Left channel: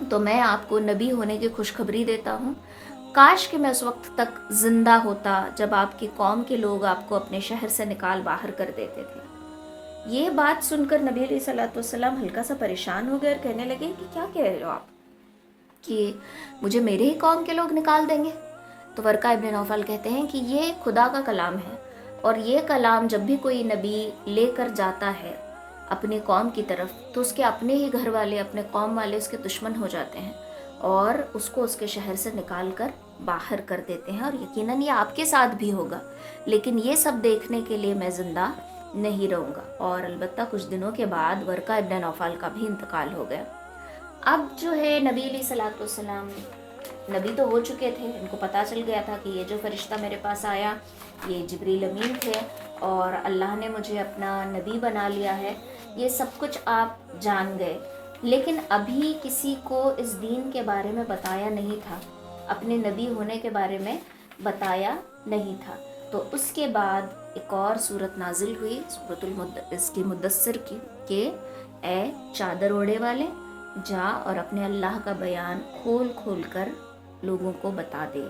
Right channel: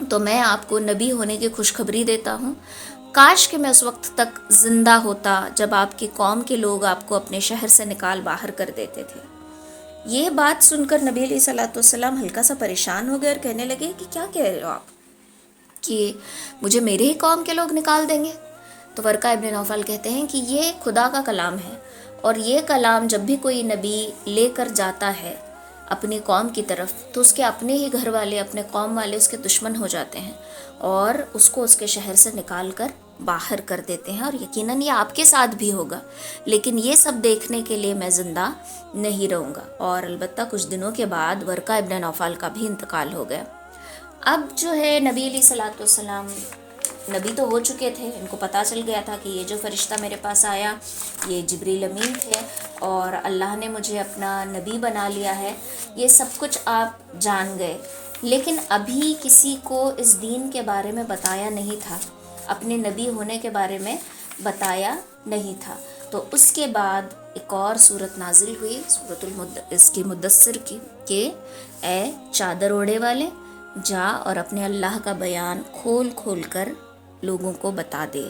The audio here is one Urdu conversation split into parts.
تو میں آپ کو نبی ہونے کی خوشخبری دیتا ہوں، کاش کہ میں اس وقت تک زندہ ہوتا جب آپ کی قوم کے لوگ آپ کو اپنے شہر سے نکال باہر کر دیتے تھے۔ یہ بات سن کر نبی علیہ الصلوۃ والسلام ہلکا سا پریشان ہو گئے اور کہنے لگے کہ کیا کہہ رہے ہو آپ، کہ مجھے میرے ہی قوم کے لوگ نکال دیں گے؟ تو ورقہ ابن نوفل کہتے ہیں کہ یہ خدا کا کلام ہے، اور یہ کلام جب بھی کوئی نبی لے کر جاتا ہے اپنی قوم کی طرف تو اس کے اپنے ہی گھر والے، اپنے قوم والے اس کے دشمن ہو جاتے ہیں اور اس کو اس کے شہر سے نکال کر باہر کر دیتے ہیں، اور یقیناً یہ آپ کے ساتھ بھی ہوگا، لیکن یہ سب دیکھنے کے لیے میں زندہ نہیں رہوں گا۔ اور البتہ کچھ دنوں کے بعد ورقہ ابن نوفل کا بھی انتقال ہو گیا۔ اب جو ہے نبی علیہ الصلوۃ والسلام نبی تو ہو چکے تھے، ان کو پتہ چل گیا تھا کہ یہ جو فرشتہ میرے پاس آیا یہ جبریل امین تھے اور اللہ نے مجھے اپنا نبی بنا لیا ہے، یہ سب کچھ آپ جان گئے، لیکن ابھی کسی کو اس دین کے بارے میں بتایا نہیں تھا، اپنے نبی ہونے کے بارے میں بتایا نہیں تھا۔ تو اس کے بعد ایک اور صورت نازل ہوئی، اس کی مدثر کی، کہ اے چادر اوڑھے والے، جا اور اپنے اللہ کا بیان کھول کھول کر لوگوں کو بتا دے،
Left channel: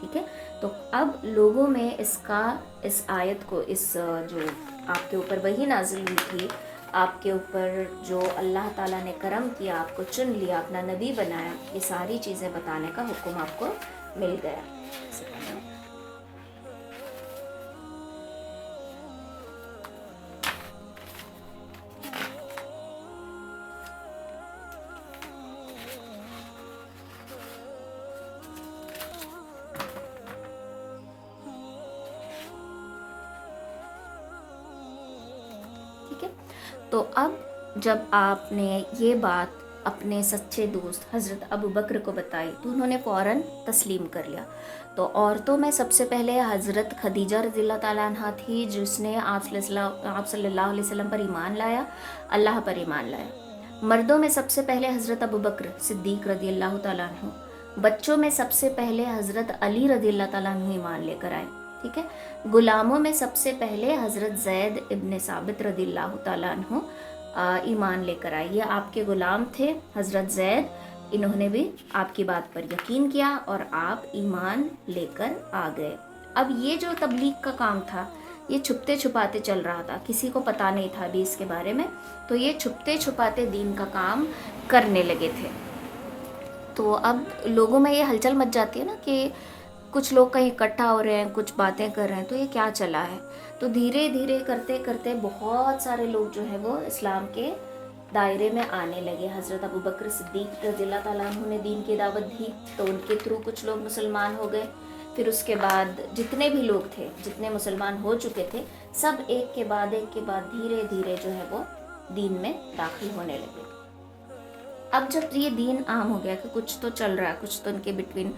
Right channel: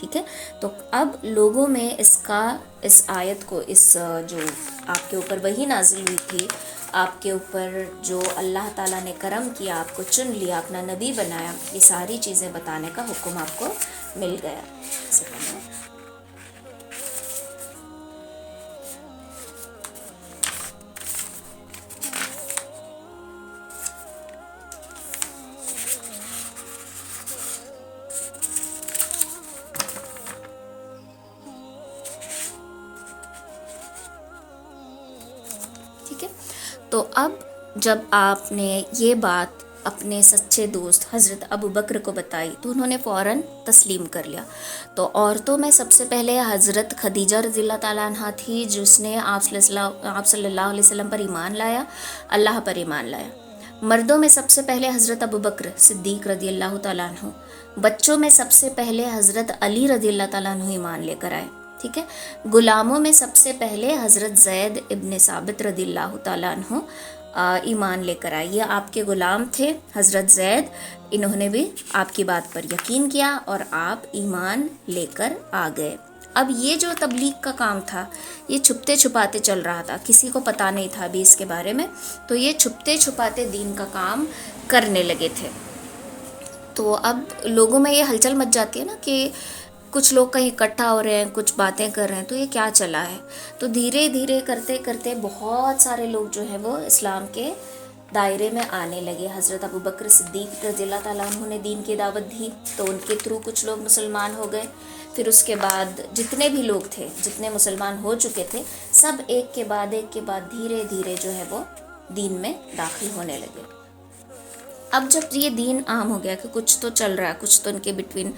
ٹھیک ہے؟ تو اب لوگوں میں اس آیت کو، اس جو آپ کے اوپر وحی نازل ہوئی تھی، آپ کے اوپر جو اللہ تعالیٰ نے کرم کیا، آپ کو چن لیا، اپنا نبی بنایا، یہ ساری چیزیں بتانے کا حکم آپ کو مل گیا۔ ٹھیک ہے، تو اب جب آپ نے یہ بات اپنے سچے دوست حضرت ابو بکر کو بتائی تو انہوں نے فوراً تسلیم کر لیا۔ تو عورتوں میں سب سے پہلے حضرت خدیجہ رضی اللہ تعالیٰ عنہ تھی، جس نے آپ صلی اللہ علیہ وسلم پر ایمان لایا، اللہ پر ایمان لایا۔ مردوں میں سب سے پہلے حضرت ابو بکر صدیق رضی اللہ تعالیٰ عنہ، بچوں میں سب سے پہلے حضرت علی رضی اللہ تعالیٰ عنہ ایمان لے کر آئے، ٹھیک ہے۔ غلاموں میں سب سے پہلے حضرت زید ابن ثابت رضی اللہ تعالیٰ عنہ ایمان لے کر آئے۔ یہ آپ کے غلام تھے حضرت زید، انہوں نے بھی آپ کی بات پر یقین کیا اور آپ ایمان لے کر آ گئے۔ اب یہ جو تبلیغ کا کام تھا یہ چھپتے چھپاتے چل رہا تھا، کسی کو پتہ نہیں تھا ابھی اس کے بارے میں، تو یہ چھپتے چھپاتے دین کا کام کرنے لگے تھے۔ تو اب لوگوں میں یہ ہلچل مچ جاتی ہے نا کہ کچھ لوگ کہیں اکٹھا ہو رہے ہیں، کچھ باتیں کر رہے ہیں، تو یہ کیا چلا ہے؟ تو دھیرے دھیرے کرتے کرتے بہت سارے لوگ جو ہیں وہ اسلام کے دائرے میں آنے لگے۔ حضرت ابو بکر صدیق رضی اللہ تعالیٰ عنہ نے دین کی دعوت دی تو ان کے تھرو کچھ لوگ مسلمان ہو گئے، پھر اس کے بعد جتنے بھی لوگ تھے، جتنے مسلمان ہو چکے تھے، سب ایک کے بعد دھیرے دھیرے جو ہے وہ دین میں داخل ہونے لگے۔ اب جب یہ دین عام ہو گیا کہ کچھ تو چل رہا ہے، کچھ تو ان کے بٹوین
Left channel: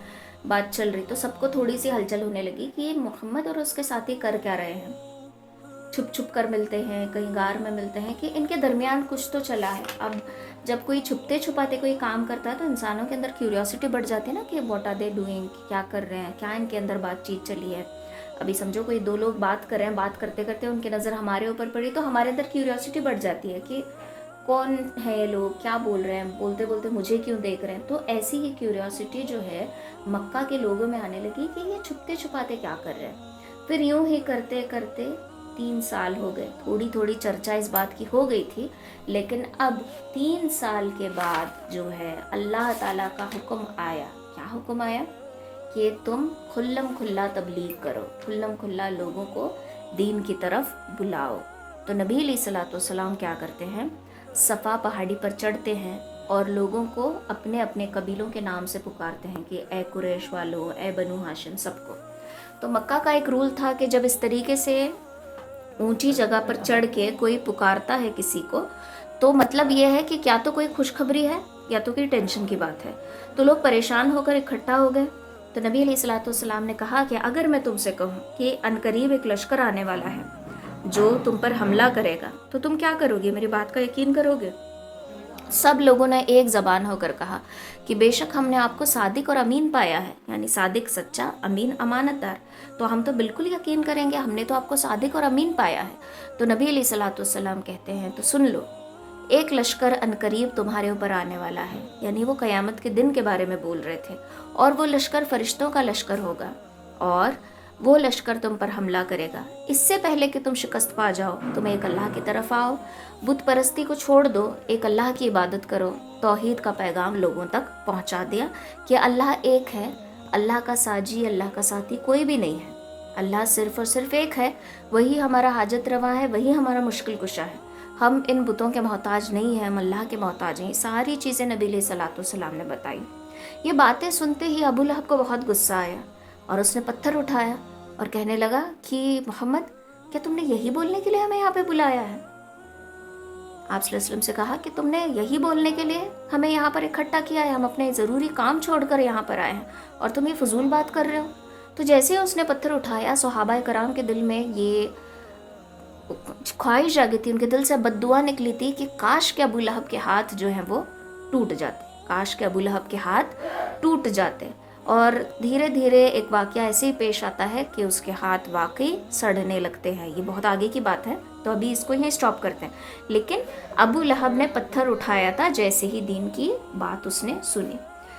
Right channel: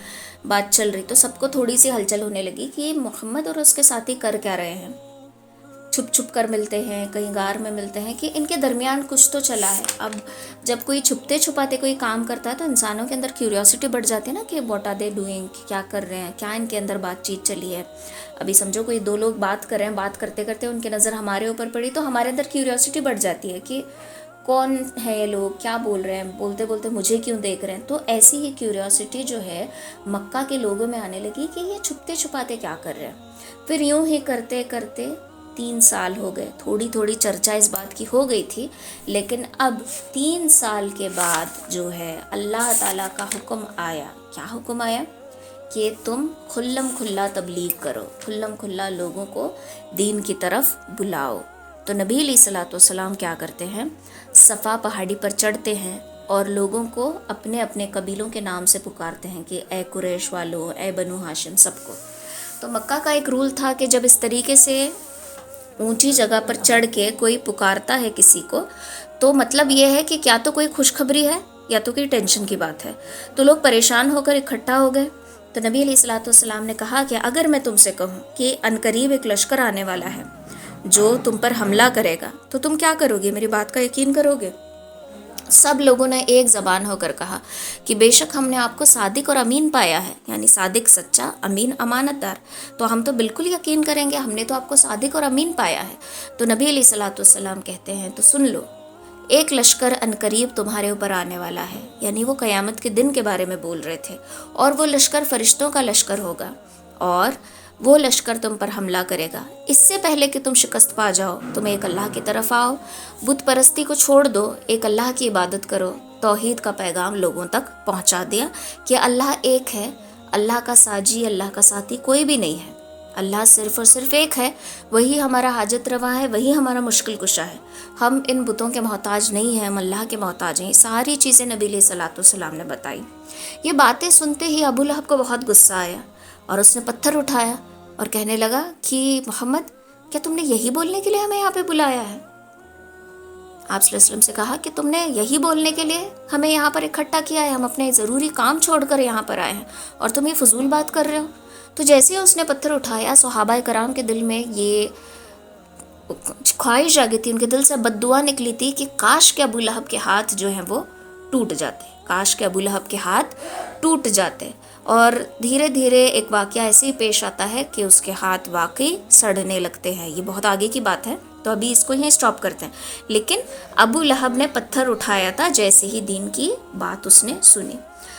بات چل رہی، تو سب کو تھوڑی سی ہلچل ہونے لگی کہ یہ محمد اور اس کے ساتھی کر کیا رہے ہیں، چھپ چھپ کر ملتے ہیں، کہیں غار میں ملتے ہیں، کہ ان کے درمیان کچھ تو چلا ہے۔ اب جب کوئی چھپتے چھپاتے کوئی کام کرتا ہے تو انسانوں کے اندر کیوریوسٹی بڑھ جاتی ہے نا کہ واٹ آر دے ڈوئنگ، کیا کر رہے ہیں، کیا ان کے اندر بات چیت چلی ہے۔ ابھی سمجھو کوئی دو لوگ بات کر رہے ہیں، بات کرتے کرتے ان کی نظر ہمارے اوپر پڑی تو ہمارے اندر کیوریوسٹی بڑھ جاتی ہے کہ کون ہے لوگ، کیا بول رہے ہیں، بولتے بولتے مجھے کیوں دیکھ رہے ہیں۔ تو ایسی ہی کیوریوسٹی جو ہے مکہ کے لوگوں میں آنے لگی کہ یہ چھپتے چھپاتے کیا کر رہے ہیں۔ پھر یوں ہی کرتے کرتے 3 سال ہو گئے، تھوڑی تھوڑی چرچا اس بات کی ہو گئی تھی، لیکن اب 3 سال کے بعد جو ہے اللہ تعالیٰ کا حکم آیا۔ کیا حکم آیا؟ کہ تم کھلم کھلا تبلیغ کرو، کھلم کھلا لوگوں کو دین کی طرف بلاؤ۔ تو نبی علیہ الصلوۃ والسلام کیا کرتے ہیں؟ صفا پہاڑی پر چڑھتے ہیں اور لوگوں کو اپنے اپنے قبیلوں کے نام سے پکارتے ہیں کہ اے قریش والو، اے بنو ہاشم، سب کو۔ تو مکہ کا ایک رول تھا کہ جب اس طریقے سے اونچی جگہ پر چڑھ کے کوئی پکارتا ہے کسی کو تو مطلب یہ ہے کہ کیا تو کوئی خوشخبری ہے یا تو کوئی ٹینشن کی بات ہے۔ تو لوگ پریشان ہو کر اکٹھا ہو گئے۔ تو نبی علیہ الصلوۃ والسلام نے کہا کہ اگر میں تم سے کہوں کہ عنقریب ایک لشکر آنے والا ہے جو تم پر حملہ کرے گا تو تم کیا کرو گے، میری بات کا یقین کرو گے؟ سب لوگوں نے ایک زبان ہو کر کہا کہ بے شک ہم نے آپ کو صادق اور امین پایا ہے، یعنی صادق سچا، امین امانت دار، تو ہم تو بالکل یقین کریں گے، ہم نے تو آپ کو صادق اور امین پایا ہے۔ تو نبی علیہ الصلوۃ والسلام کہتے ہیں تو سن لو، ایک لشکر عنقریب تمہارے اوپر آنے والا ہے، یعنی وہ قیامت کے دن کے بارے میں بول رہے تھے، اور وہ لشکر فرشتوں کا لشکر ہوگا، اور وہ لشکر تم پر حملہ کرے گا۔ اس سے پہلے کہ تم شکست پا جاؤ، تم ایک اللہ کی طرف آؤ، بت پرستی کو چھوڑ دو، ایک اللہ کی عبادت کرو۔ توحید کا پیغام لوگوں تک پہنچا دیا کہ اللہ ایک ہے، اللہ کا ساجی، اللہ کا ساتھی کوئی بھی نہیں ہے، اللہ صرف اور صرف ایک ہے، وہی ہمارا حاجت روا ہے، وہی ہمارا مشکل کشا ہے، ہم ان بتوں کے محتاج نہیں ہیں، ہم اللہ کے محتاج ہیں۔ ساری چیزیں نبی علیہ الصلوۃ والسلام نے بتائی۔ یہ باتیں سنتے ہی ابو لہب کو بہت غصہ آیا، اور اس نے پتھر اٹھایا اور کہنے لگا کہ محمد، کیا تم نے یہی بولنے کے لیے ہمیں یہاں پہ بلایا ہے؟ آپ صلی اللہ علیہ وسلم سے کہا کہ تم نے یہی بولنے کے لیے ہمیں یہاں پر اکٹھا کیا ہے، ہم اپنے ضروری کام چھوڑ کر یہاں پر آئے ہیں اور تم یہ فضول بات کر رہے ہو۔ تو جیسے ہی اس نے پتھر اٹھایا، صحابہ کرام کے دل میں یہ خواہش آ گئی تھی، ان کے دل سے بد دعا نکلی تھی کہ کاش کہ ابو لہب کے ہاتھ جو ہیں وہ ٹوٹ جاتے، کاش کہ ابو لہب کے ہاتھ ٹوٹ جاتے۔ اور دھیرے دھیرے ایک واقعہ ایسے ہی پیش آتا ہے کہ اس کے ہاتھ واقعی سڑنے لگتے ہیں۔ یہ بہت آگے کی بات ہے، تو ابھی اس کو یہیں سٹاپ کرتے ہیں۔ لیکن ابو لہب نے پتھر اٹھایا تھا جیسے ہی دین کی بات اس نے سنی۔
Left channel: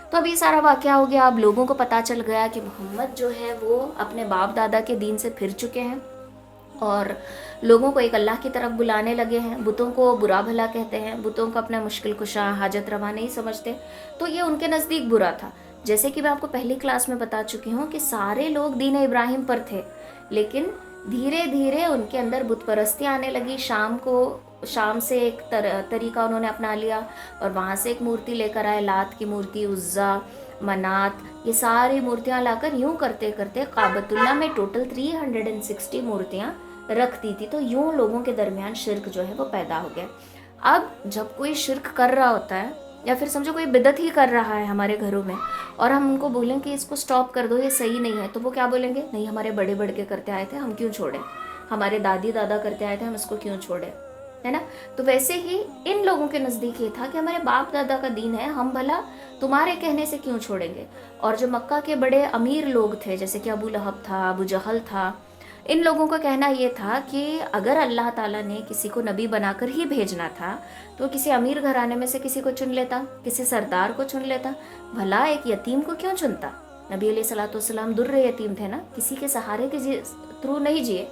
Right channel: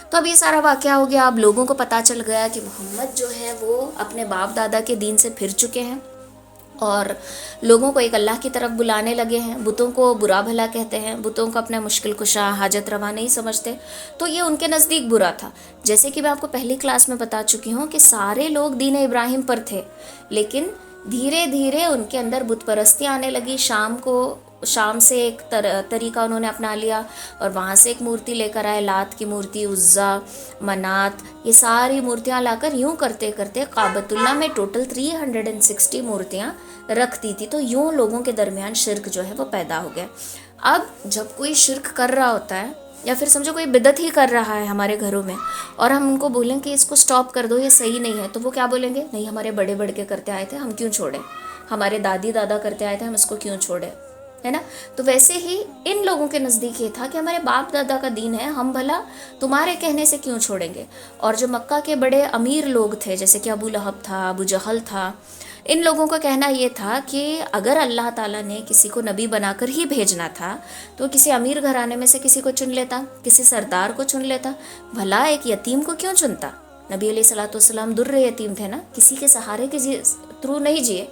تو اب یہ سارا واقعہ ہو گیا، اب لوگوں کو پتہ چل گیا کہ محمد جو ہے وہ اپنے باپ دادا کے دین سے پھر چکے ہیں، اور لوگوں کو ایک اللہ کی طرف بلانے لگے ہیں، بتوں کو برا بھلا کہتے ہیں، بتوں کو اپنا مشکل کشا، حاجت روا نہیں سمجھتے۔ تو یہ ان کے نزدیک برا تھا۔ جیسے کہ میں آپ کو پہلی کلاس میں بتا چکی ہوں کہ سارے لوگ دین ابراہیم پر تھے، لیکن دھیرے دھیرے ان کے اندر بت پرستی آنے لگی۔ شام سے ایک طریقہ انہوں نے اپنا لیا، اور وہاں سے ایک مورتی لے کر آئے، لات کی مورتی، عزا، منات، یہ ساری مورتیاں لا کر یوں کرتے کرتے کعبۃ اللہ میں ٹوٹل 360 مورتیاں رکھ دی تھی۔ تو یوں لوگوں کے درمیان شرک جو ہے وہ پیدا ہو گیا۔ اب جب کوئی شرک کر رہا ہوتا ہے، یا پھر سمجھو کوئی بدعت ہی کر رہا ہے ہمارے گھروں میں، اور ہم ان کو بولیں کہ اس کو سٹاپ کر دو، یہ صحیح نہیں ہے، تو وہ کیا بولیں گے؟ نہیں، ہمارے بڑے بڑھ کے کرتے آئے تھے، ہم کیوں چھوڑیں؟ ہمارے دادی دادا کرتے آئے تھے، ہم اس کو کیوں چھوڑیں؟ ہے نا؟ تو ویسے ہی ان لوگوں کے نزدیک یہ تھا کہ ہمارے باپ دادا کا دین ہے، ہم بھلا تمہارے کہنے سے کیوں چھوڑیں گے؟ اور جو مکہ کے بڑے امیر لوگ تھے، جیسے کہ ابو لہب تھا، ابو جہل تھا، ان لوگوں کا کہنا یہ تھا کہ اگر اللہ تعالیٰ نے کسی کو نبی بنا کر ہی بھیجنا تھا تو کسی امیر گھرانے میں سے کسی کو چن لیتا، کسی سردار کو چن لیتا، بھلا ایک یتیم کو کیوں چنتا؟ نبی علیہ الصلوۃ والسلام در یتیم تھے نا، کسی کے سہارے کے تھرو نہیں جیے۔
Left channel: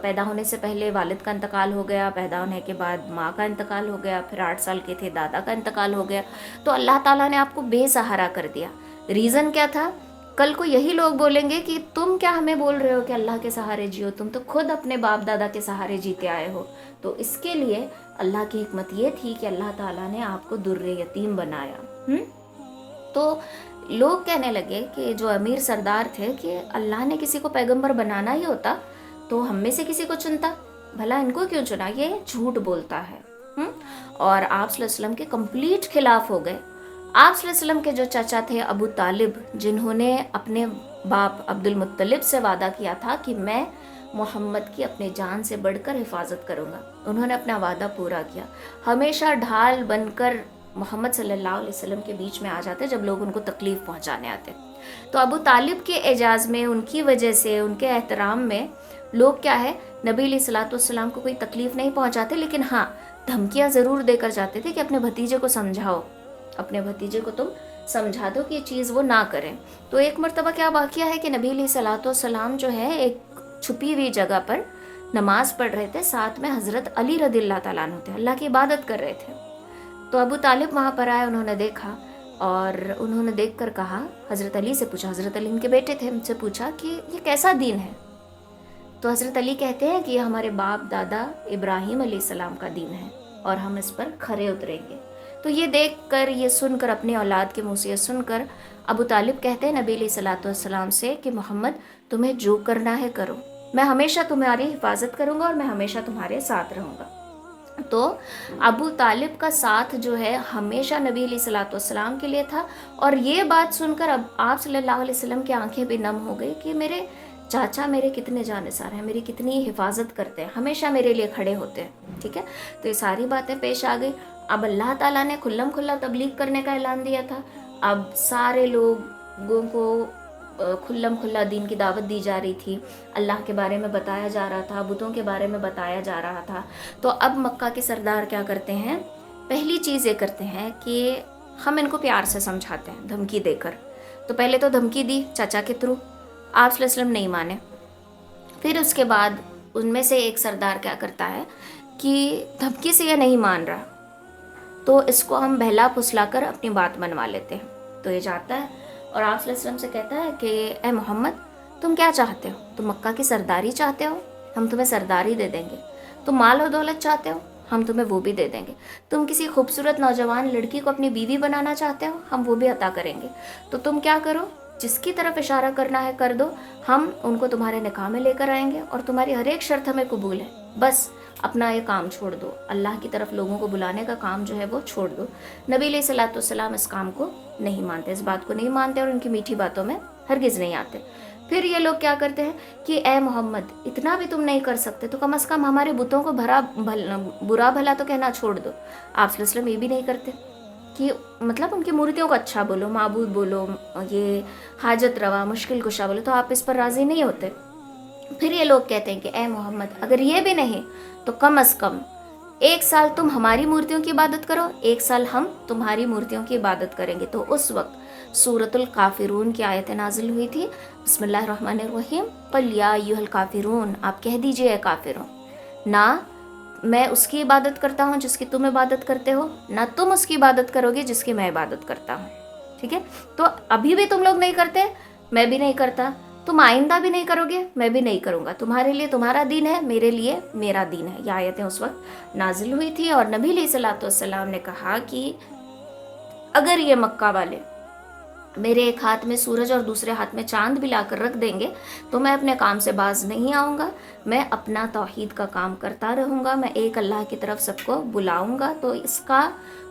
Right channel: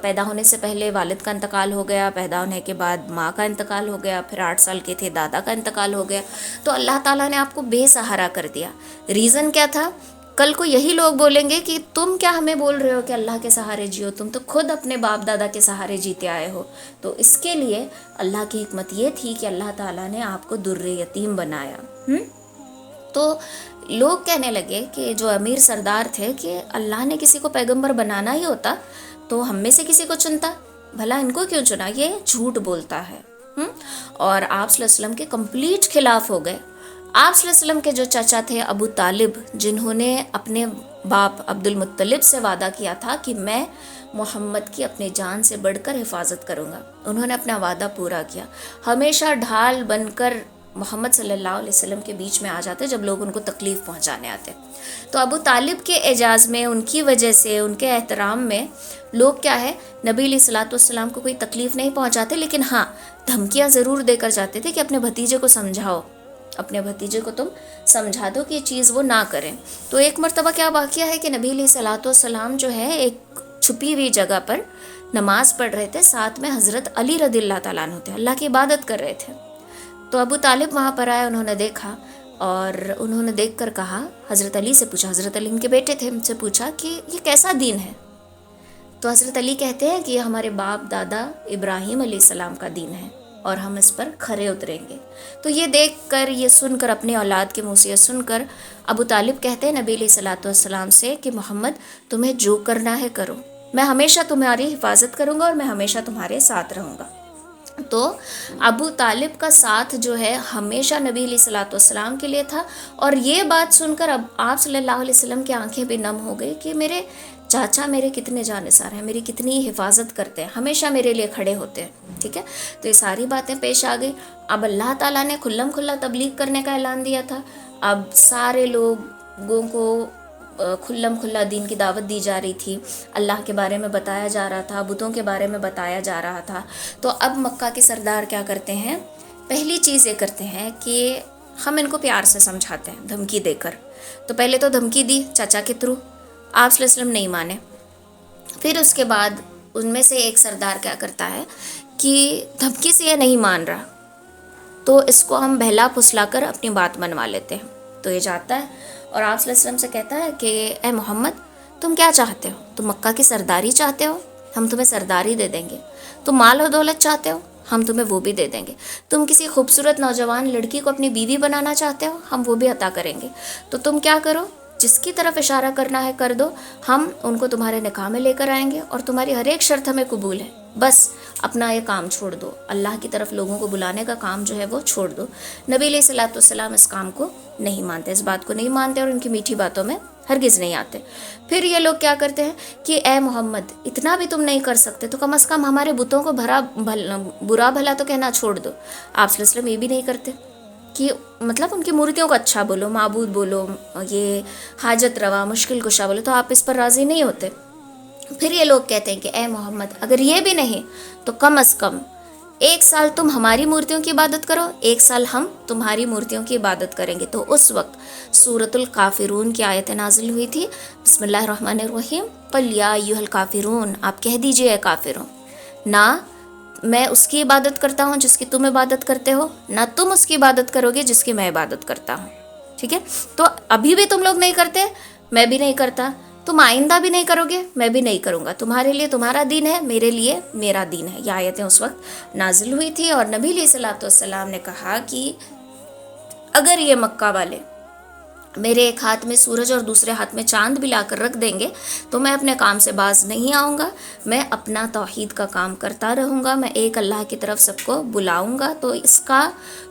پیدا ہونے سے پہلے والد کا انتقال ہو گیا، پیدا ہونے کے بعد ماں کا انتقال ہو گیا، پھر 8 سال کے تھے دادا کا انتقال ہو گیا، تو اللہ تعالیٰ نے آپ کو بے سہارا کر دیا۔ ریزن کیا تھا؟ کل کو یہی لوگ بولیں گے کہ تم کیا ہمیں بول رہے ہو کہ اللہ کے سہارے جیو، تم تو خود اپنے باپ دادا کے سہارے جیتے آئے ہو۔ تو اس کے لیے اللہ کی حکمت یہ تھی کہ اللہ تعالیٰ نے آپ کو در یتیم بنایا۔ تو لوگ کہنے لگے کہ جو امیر سردار تھے کہ اللہ نے کسی کو پیغمبر بنانا ہی ہوتا تو ہم میں سے کسی کو چنتا، بھلا ان کو کیوں چنا؟ یہ جھوٹ بولتا ہے۔ اور آپ صلی اللہ علیہ وسلم کے کمپلیٹ خلاف ہو گئے۔ آپ صلی اللہ علیہ وسلم کے جو چچا تھے ابو طالب، جنہوں نے اپنے باپ عبد المطلب سے وعدہ کیا تھا کہ میں محمد کی اپنے جان سے بڑھ کر حفاظت کروں گا، انہوں نے اپنا وعدہ پورا کیا، ہمیشہ ڈھال بن کر محمد صلی اللہ علیہ وسلم کے بیچ میں آ جاتے جب لوگ ان کو تکلیف پہنچانے آتے۔ تو ابو طالب کے اعزاز میں، ان کی وجہ سے، ان کے احترام میں لوگ کیا ہے، نبی علیہ الصلوۃ والسلام کو کوئی تکلیف نہیں پہنچاتے، لیکن ہاں دھمکیاں ضرور دے کر جاتے تھے کہ اپنے بھتیجے کو سمجھاؤ، اپنے بھتیجے کو تم سمجھا دو کہ یہ چیز وہ نہ کریں۔ تو ایک مرتبہ کیا واقعہ ہے کہ نبی علیہ الصلوۃ والسلام جو ہے ایک چھپی ہوئی جگہ پر نماز پڑھ رہے تھے، ساتھ میں حضرت علی رضی اللہ تعالیٰ عنہ تھے، اللہ کی عبادت کر رہے تھے۔ تو ابو طالب وہاں پر آئے، انہوں نے دیکھا، اور انہوں نے دیکھ کر کہا، حضرت علی سے پوچھا، حضرت علی ان کے بیٹے تھے، ان سے پوچھا کہ یہ کیسا دین ہے؟ تو حضرت علی کہتے ہیں کہ یہ ہمارے باپ دادا ابراہیم علیہ السلام کا دین ہے، اور ہم اس پر کھرے اتریں گے۔ تو یہ دیکھ کر، یہ سن کر، اپنی اولاد کے منہ سے یہ سن کر ابو طالب کہتے ہیں نبی علیہ الصلوۃ والسلام سے کہ محمد تمہیں جو کرنا ہے کرو، میں ہمیشہ تمہاری حفاظت کروں گا اور میں ہمیشہ تمہارے ساتھ رہوں گا۔ تو ابو طالب کا ساتھ جو ہے ہمیشہ نبی علیہ الصلوۃ والسلام کے لیے تھا، اور یہ بات سن کر اب آپ صلی اللہ علیہ وسلم کی آنکھیں بھی نم ہو گئی کہ میرے چاچا میرے کتنے جانثار ہیں، میری کتنی حفاظت کرتے ہیں، ہمیشہ میرے لیے کھڑے ہوتے ہیں۔ ٹھیک ہے، تو یہ ساری باتیں پیش آ گئی۔ اب اللہ تعالیٰ نے کھلم کھلا تبلیغ کرنے کا اعلان دیا تھا۔ اب سارے لوگوں کو کھلم کھلا دین کی دعوت دی جا رہی تھی، اللہ کے بارے میں بتایا جا رہا تھا، بتوں کے بارے میں بتایا جا رہا تھا. تو اب مکہ کے سردار کیا کرتے ہیں، پہلی چیز یہ کرتے ہیں کہ ہم ان کو پیار سے سمجھاتے ہیں دھمکی دے کر. تو پہلے تو دھمکی دی چچا کے تھرو، آپ صلی اللہ علیہ وسلم نہیں مانے. پھر اس کے بعد ان میں سے ایک سردار کیا کرتا ہے کہ دھمکی سے یہ نہیں مان رہا تو اس کو ہم بہلا پھسلا کر اپنی بات منوا لیتے ہیں. تو یہ جاتا ہے اور آپ صلی اللہ علیہ وسلم سے کہتا ہے کہ اے محمد تم کیا چاہتے ہو، تم مکہ کی سرداری چاہتے ہو، ہم تمہیں سرداری دے دیں گے. تم مال و دولت چاہتے ہو، ہم تمہیں وہ بھی دے دیں گے. تم کسی خوبصورت نوجوان لڑکی کو اپنی بیوی بنانا چاہتے ہو، ہم وہ بھی عطا کریں گے. تو تم کیا کرو، جس کی طرف اشارہ کرنا ہے کر دو، ہم ان کو تمہارے نکاح میں لے کر آئیں گے اور تمہاری ہر ایک شرط ہمیں قبول ہے. بس اپنا یہ کام چھوڑ دو، اللہ کی طرف لوگوں کو بلانے کا کام جو ہے وہ چھوڑ دو. نبی علیہ الصلوۃ والسلام اس کام کو نہیں مانتے، اس بات کو نہیں مانتے اور ان کی میٹھی باتوں میں ہرگز نہیں آتے. پھر یہ لوگ کیا کرتے ہیں کہ اے محمد اتنا بھی تم نہیں کر سکتے تو کم از کم ہمارے بتوں کو برا بھلا تو کہنا چھوڑ دو. آپ صلی اللہ علیہ وسلم یہ بھی نہیں کرتے کہ مطلب ان کی مورتیوں کو اچھا بولو، معبود بولو، یہ حاجت روا مشکل کشا بولو، تو آپ اس پر راضی نہیں ہوتے. پھر یہ لوگ کہتے ہیں کہ اے محمد اگر یہ بھی نہیں تو کم از کم 1 سال تم ہماری مورتیوں کی عبادت کرو، 1 سال ہم تمہاری مورتیوں کی عبادت کریں گے. تو اس وقت سورۃ الکافرون کی آیتیں نازل ہوئی تھی. بسم اللہ الرحمن الرحیم، قل یا ایھا الکافرون، آپ کہہ دیجئے اے کافروں، نہ میں اس کی عبادت کرتا ہوں جس کی تم عبادت کرتے ہو، نہ تم اس کی عبادت کرو گے جس کی میں عبادت کرتا ہوں. ٹھیک ہے، تو ابھی بھی تم لوگ نہیں کرتے، میں بھی نہیں کرتا، تم آئندہ بھی نہیں کرو گے، میں بھی نہیں کروں گا. تمہارے لیے تمہارا دین ہے، میرے لیے میرا دین ہے. یہ آیتیں اس وقت نازل ہوئی تھی اور نبی علیہ الصلوۃ والسلام نے کہا کہ اگر یہ مکہ والے میرے ایک ہاتھ میں سورج اور دوسرے ہاتھ میں چاند بھی لا کر رکھ دیں گے تو میں اپنے کام سے باز نہیں آؤں گا، میں اپنا توحید کا کام کرتا رہوں گا، میں ایک اللہ کی طرف سب کو بلاؤں گا. تو اس کا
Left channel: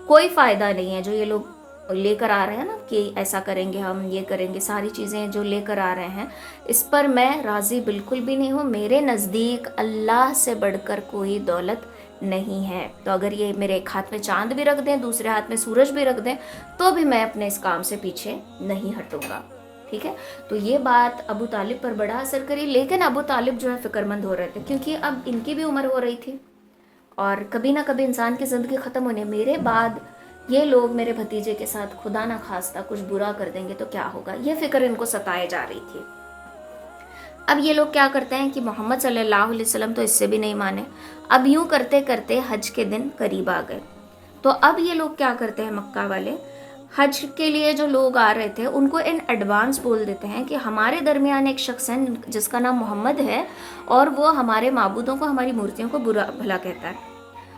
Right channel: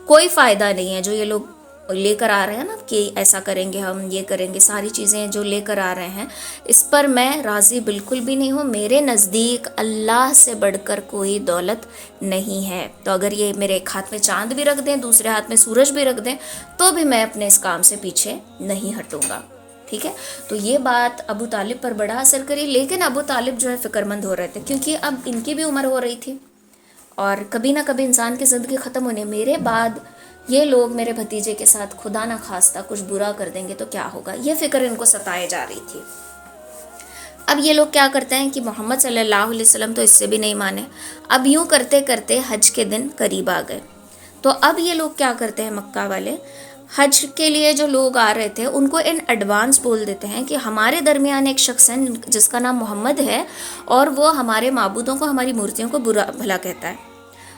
کوئی فائدہ نہیں ہے جو یہ لوگ لے کر آ رہے ہیں نا کہ ایسا کریں گے، ہم یہ کریں گے، ساری چیزیں جو لے کر آ رہے ہیں اس پر میں راضی بالکل بھی نہیں ہوں. میرے نزدیک اللہ سے بڑھ کر کوئی دولت نہیں ہے. تو اگر یہ میرے ایک ہاتھ میں چاند بھی رکھ دیں، دوسرے ہاتھ میں سورج بھی رکھ دیں تو بھی میں اپنے اس کام سے پیچھے نہیں ہٹوں گا. ٹھیک ہے، تو یہ بات ابو طالب پر بڑا اثر کری. لیکن ابو طالب جو ہے فکر مند ہو رہے تھے کیونکہ اب ان کی بھی عمر ہو رہی تھی اور کبھی نہ کبھی انسان کی زندگی ختم ہونے، میرے بعد یہ لوگ میرے بھتیجے کے ساتھ خدا نہ خواستہ کچھ برا کر دیں گے تو کیا ہوگا، یہ فکر ان کو ستائے جا رہی تھی. اب یہ لوگ کیا کرتے ہیں کہ محمد صلی اللہ علیہ وسلم تو اس سے بھی نہیں مانے. اب یوں کرتے کرتے حج کے دن قریب آ گئے. تو اب یہ لوگ کیا کرتے ہیں، مکہ والے حج کے لیے جو لوگ آ رہے تھے ان کو ان ایڈوانس بول دیتے ہیں کہ ہمارے درمیان ایک شخص ہے جس کا نام محمد ہے اور وہ ہمارے معبودوں کو، ہماری مورتیوں کو برا بھلا کہتا ہے،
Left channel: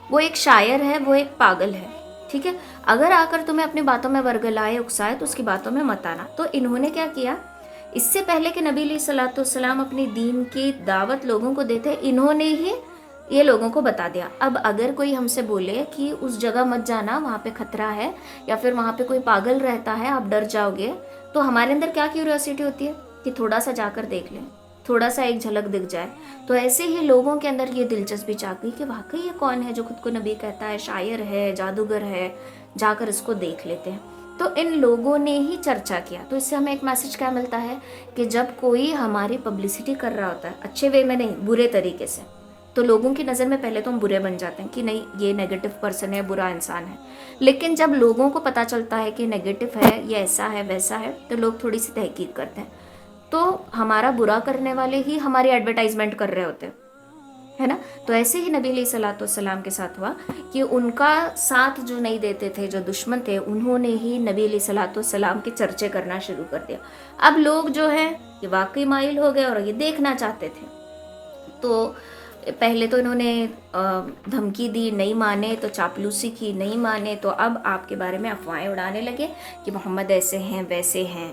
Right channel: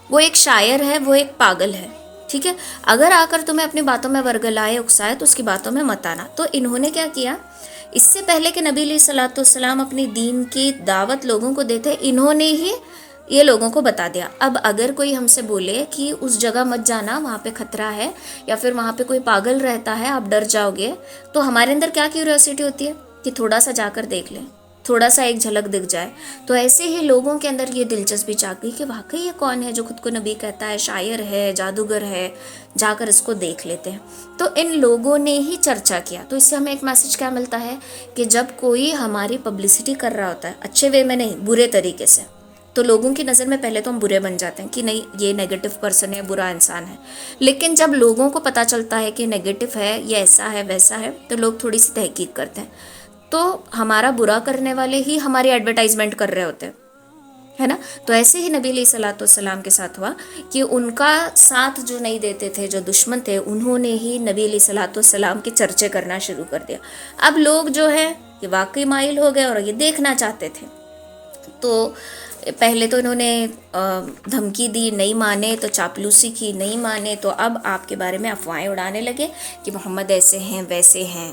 وہ ایک شاعر ہے، وہ ایک پاگل ہے. ٹھیک ہے، اگر آ کر تمہیں اپنی باتوں میں ورگلائے اکسائے تو اس کی باتوں میں مت آنا. تو انہوں نے کیا کیا، اس سے پہلے کہ نبی علیہ الصلوۃ والسلام اپنی دین کی دعوت لوگوں کو دیتے، انہوں نے ہی یہ لوگوں کو بتا دیا. اب اگر کوئی ہم سے بولے کہ اس جگہ مت جانا، وہاں پہ خطرہ ہے یا پھر وہاں پہ کوئی پاگل رہتا ہے، آپ ڈر جاؤ گے، تو ہمارے اندر کیا کیوریوسٹی ہوتی ہے کہ تھوڑا سا جا کر دیکھ لیں، تھوڑا سا ایک جھلک دکھ جائے. تو ایسے ہی لوگوں کے اندر یہ دلچسپی جاگ گئی کہ واقعی یہ کون ہے جو خود کو نبی کہتا ہے، شاعر ہے، جادوگر ہے، جا کر اس کو دیکھ لیتے ہیں. تو ان لوگوں نے ہی چرچا کیا. تو اس سے ہمیں ایک میسج کیا ملتا ہے کہ جب کوئی ہماری پبلسٹی کر رہا ہوتا ہے، اچھے وے میں نہیں، برے طریقے سے، تو لوگوں کی نظر میں پہلے تو ہم برے بن جاتے ہیں کہ نہیں یہ نیگیٹو پرسن ہے، برا انسان ہے. لیکن جب لوگوں کو پتہ چلتا ہے کہ نیگیٹو ہے، یہ ایسا ہے ویسا ہے، تو لوگ تھوڑی سی تحقیق کرتے ہیں. تو ہمارا برا کرنے والے ہی ہماری ایڈورٹائزمنٹ کر رہے ہوتے ہیں، ہے نا. تو ایسے ہی نبی علیہ الصلوۃ والسلام کے ساتھ ہوا کہ ان کا ساتھ جو نہیں دیتے تھے، جو دشمن تھے، انہوں نے ہی نبی علیہ الصلوۃ والسلام کے چرچے کرنا شروع کر دیا. اب لوگ جو ہے کہ واقعی مائل ہو گئے اور یہ دیکھنا چاہتے تھے. تو پہلے تو انہوں نے دھمکی دی، نہیں مانے تو چاپلوسی کی، نہیں مانے تو اب آپ کے بارے میں افواہیں اڑانے لگے کہ محمد ایسے ہیں ویسے ہیں،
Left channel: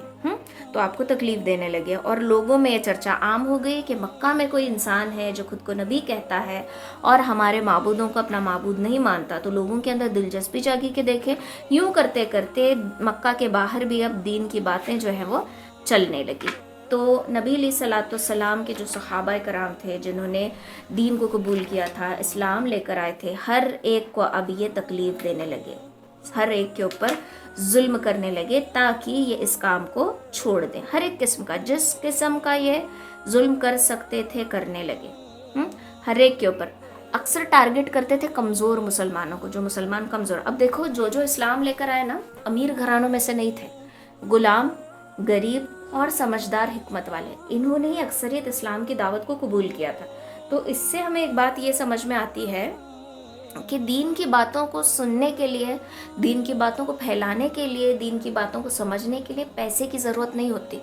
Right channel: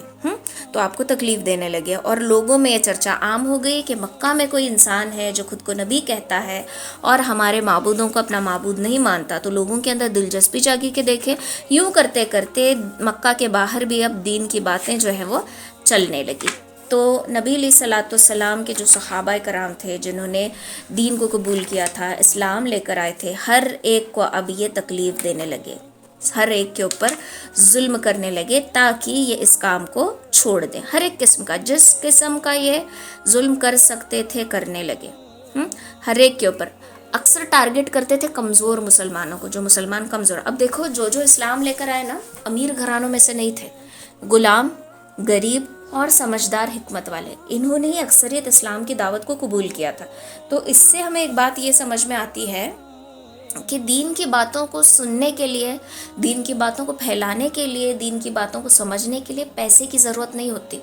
تو آپ کو تکلیف دینے لگے. اور لوگوں میں یہ چرچا عام ہو گئی کہ مکہ میں کوئی انسان ہے جو خود کو نبی کہتا ہے اور ہمارے معبودوں کو اپنا معبود نہیں مانتا. تو لوگوں کے اندر دلچسپی جاگی کہ دیکھیں، یوں کرتے کرتے مکہ کے باہر بھی اب دین کی باتیں جو ہیں وہ چلنے لگی. تو نبی علیہ الصلوۃ والسلام کے جو صحابہ کرام تھے جنہوں نے دین کو قبول کیا تھا، اسلام لے کر آئے تھے، ہر ایک کو اب یہ تکلیف دینے لگے ہر ایک کے اوپر ظلم کرنے لگے تاکہ یہ اس کام کو چھوڑ دیں. ہر ایک قسم کا، جس قسم کا یہ ظلم کر سکتے تھے کرنے لگے. ہر ایک کے اوپر اکثر ٹارگٹ کرتے تھے کمزور مسلمانوں کو، جو مسلمان کمزور. اب دیکھو جو اسلام لے کر آئے نا، امیر گھرانوں میں سے نہیں تھے، غلام، غریب اور سمجھدار حکمت والے، انہوں نے ہی اکثریت اسلام کی دعوت کو قبول کیا تھا. تو اس سے ہمیں ایک بات یہ سمجھ میں آتی ہے کہ دین کی باتوں کو سننے کے لیے، دین کی باتوں کو پھیلانے کے لیے، دین کی باتوں کو سمجھنے کے لیے پیسے کی ضرورت نہیں ہوتی.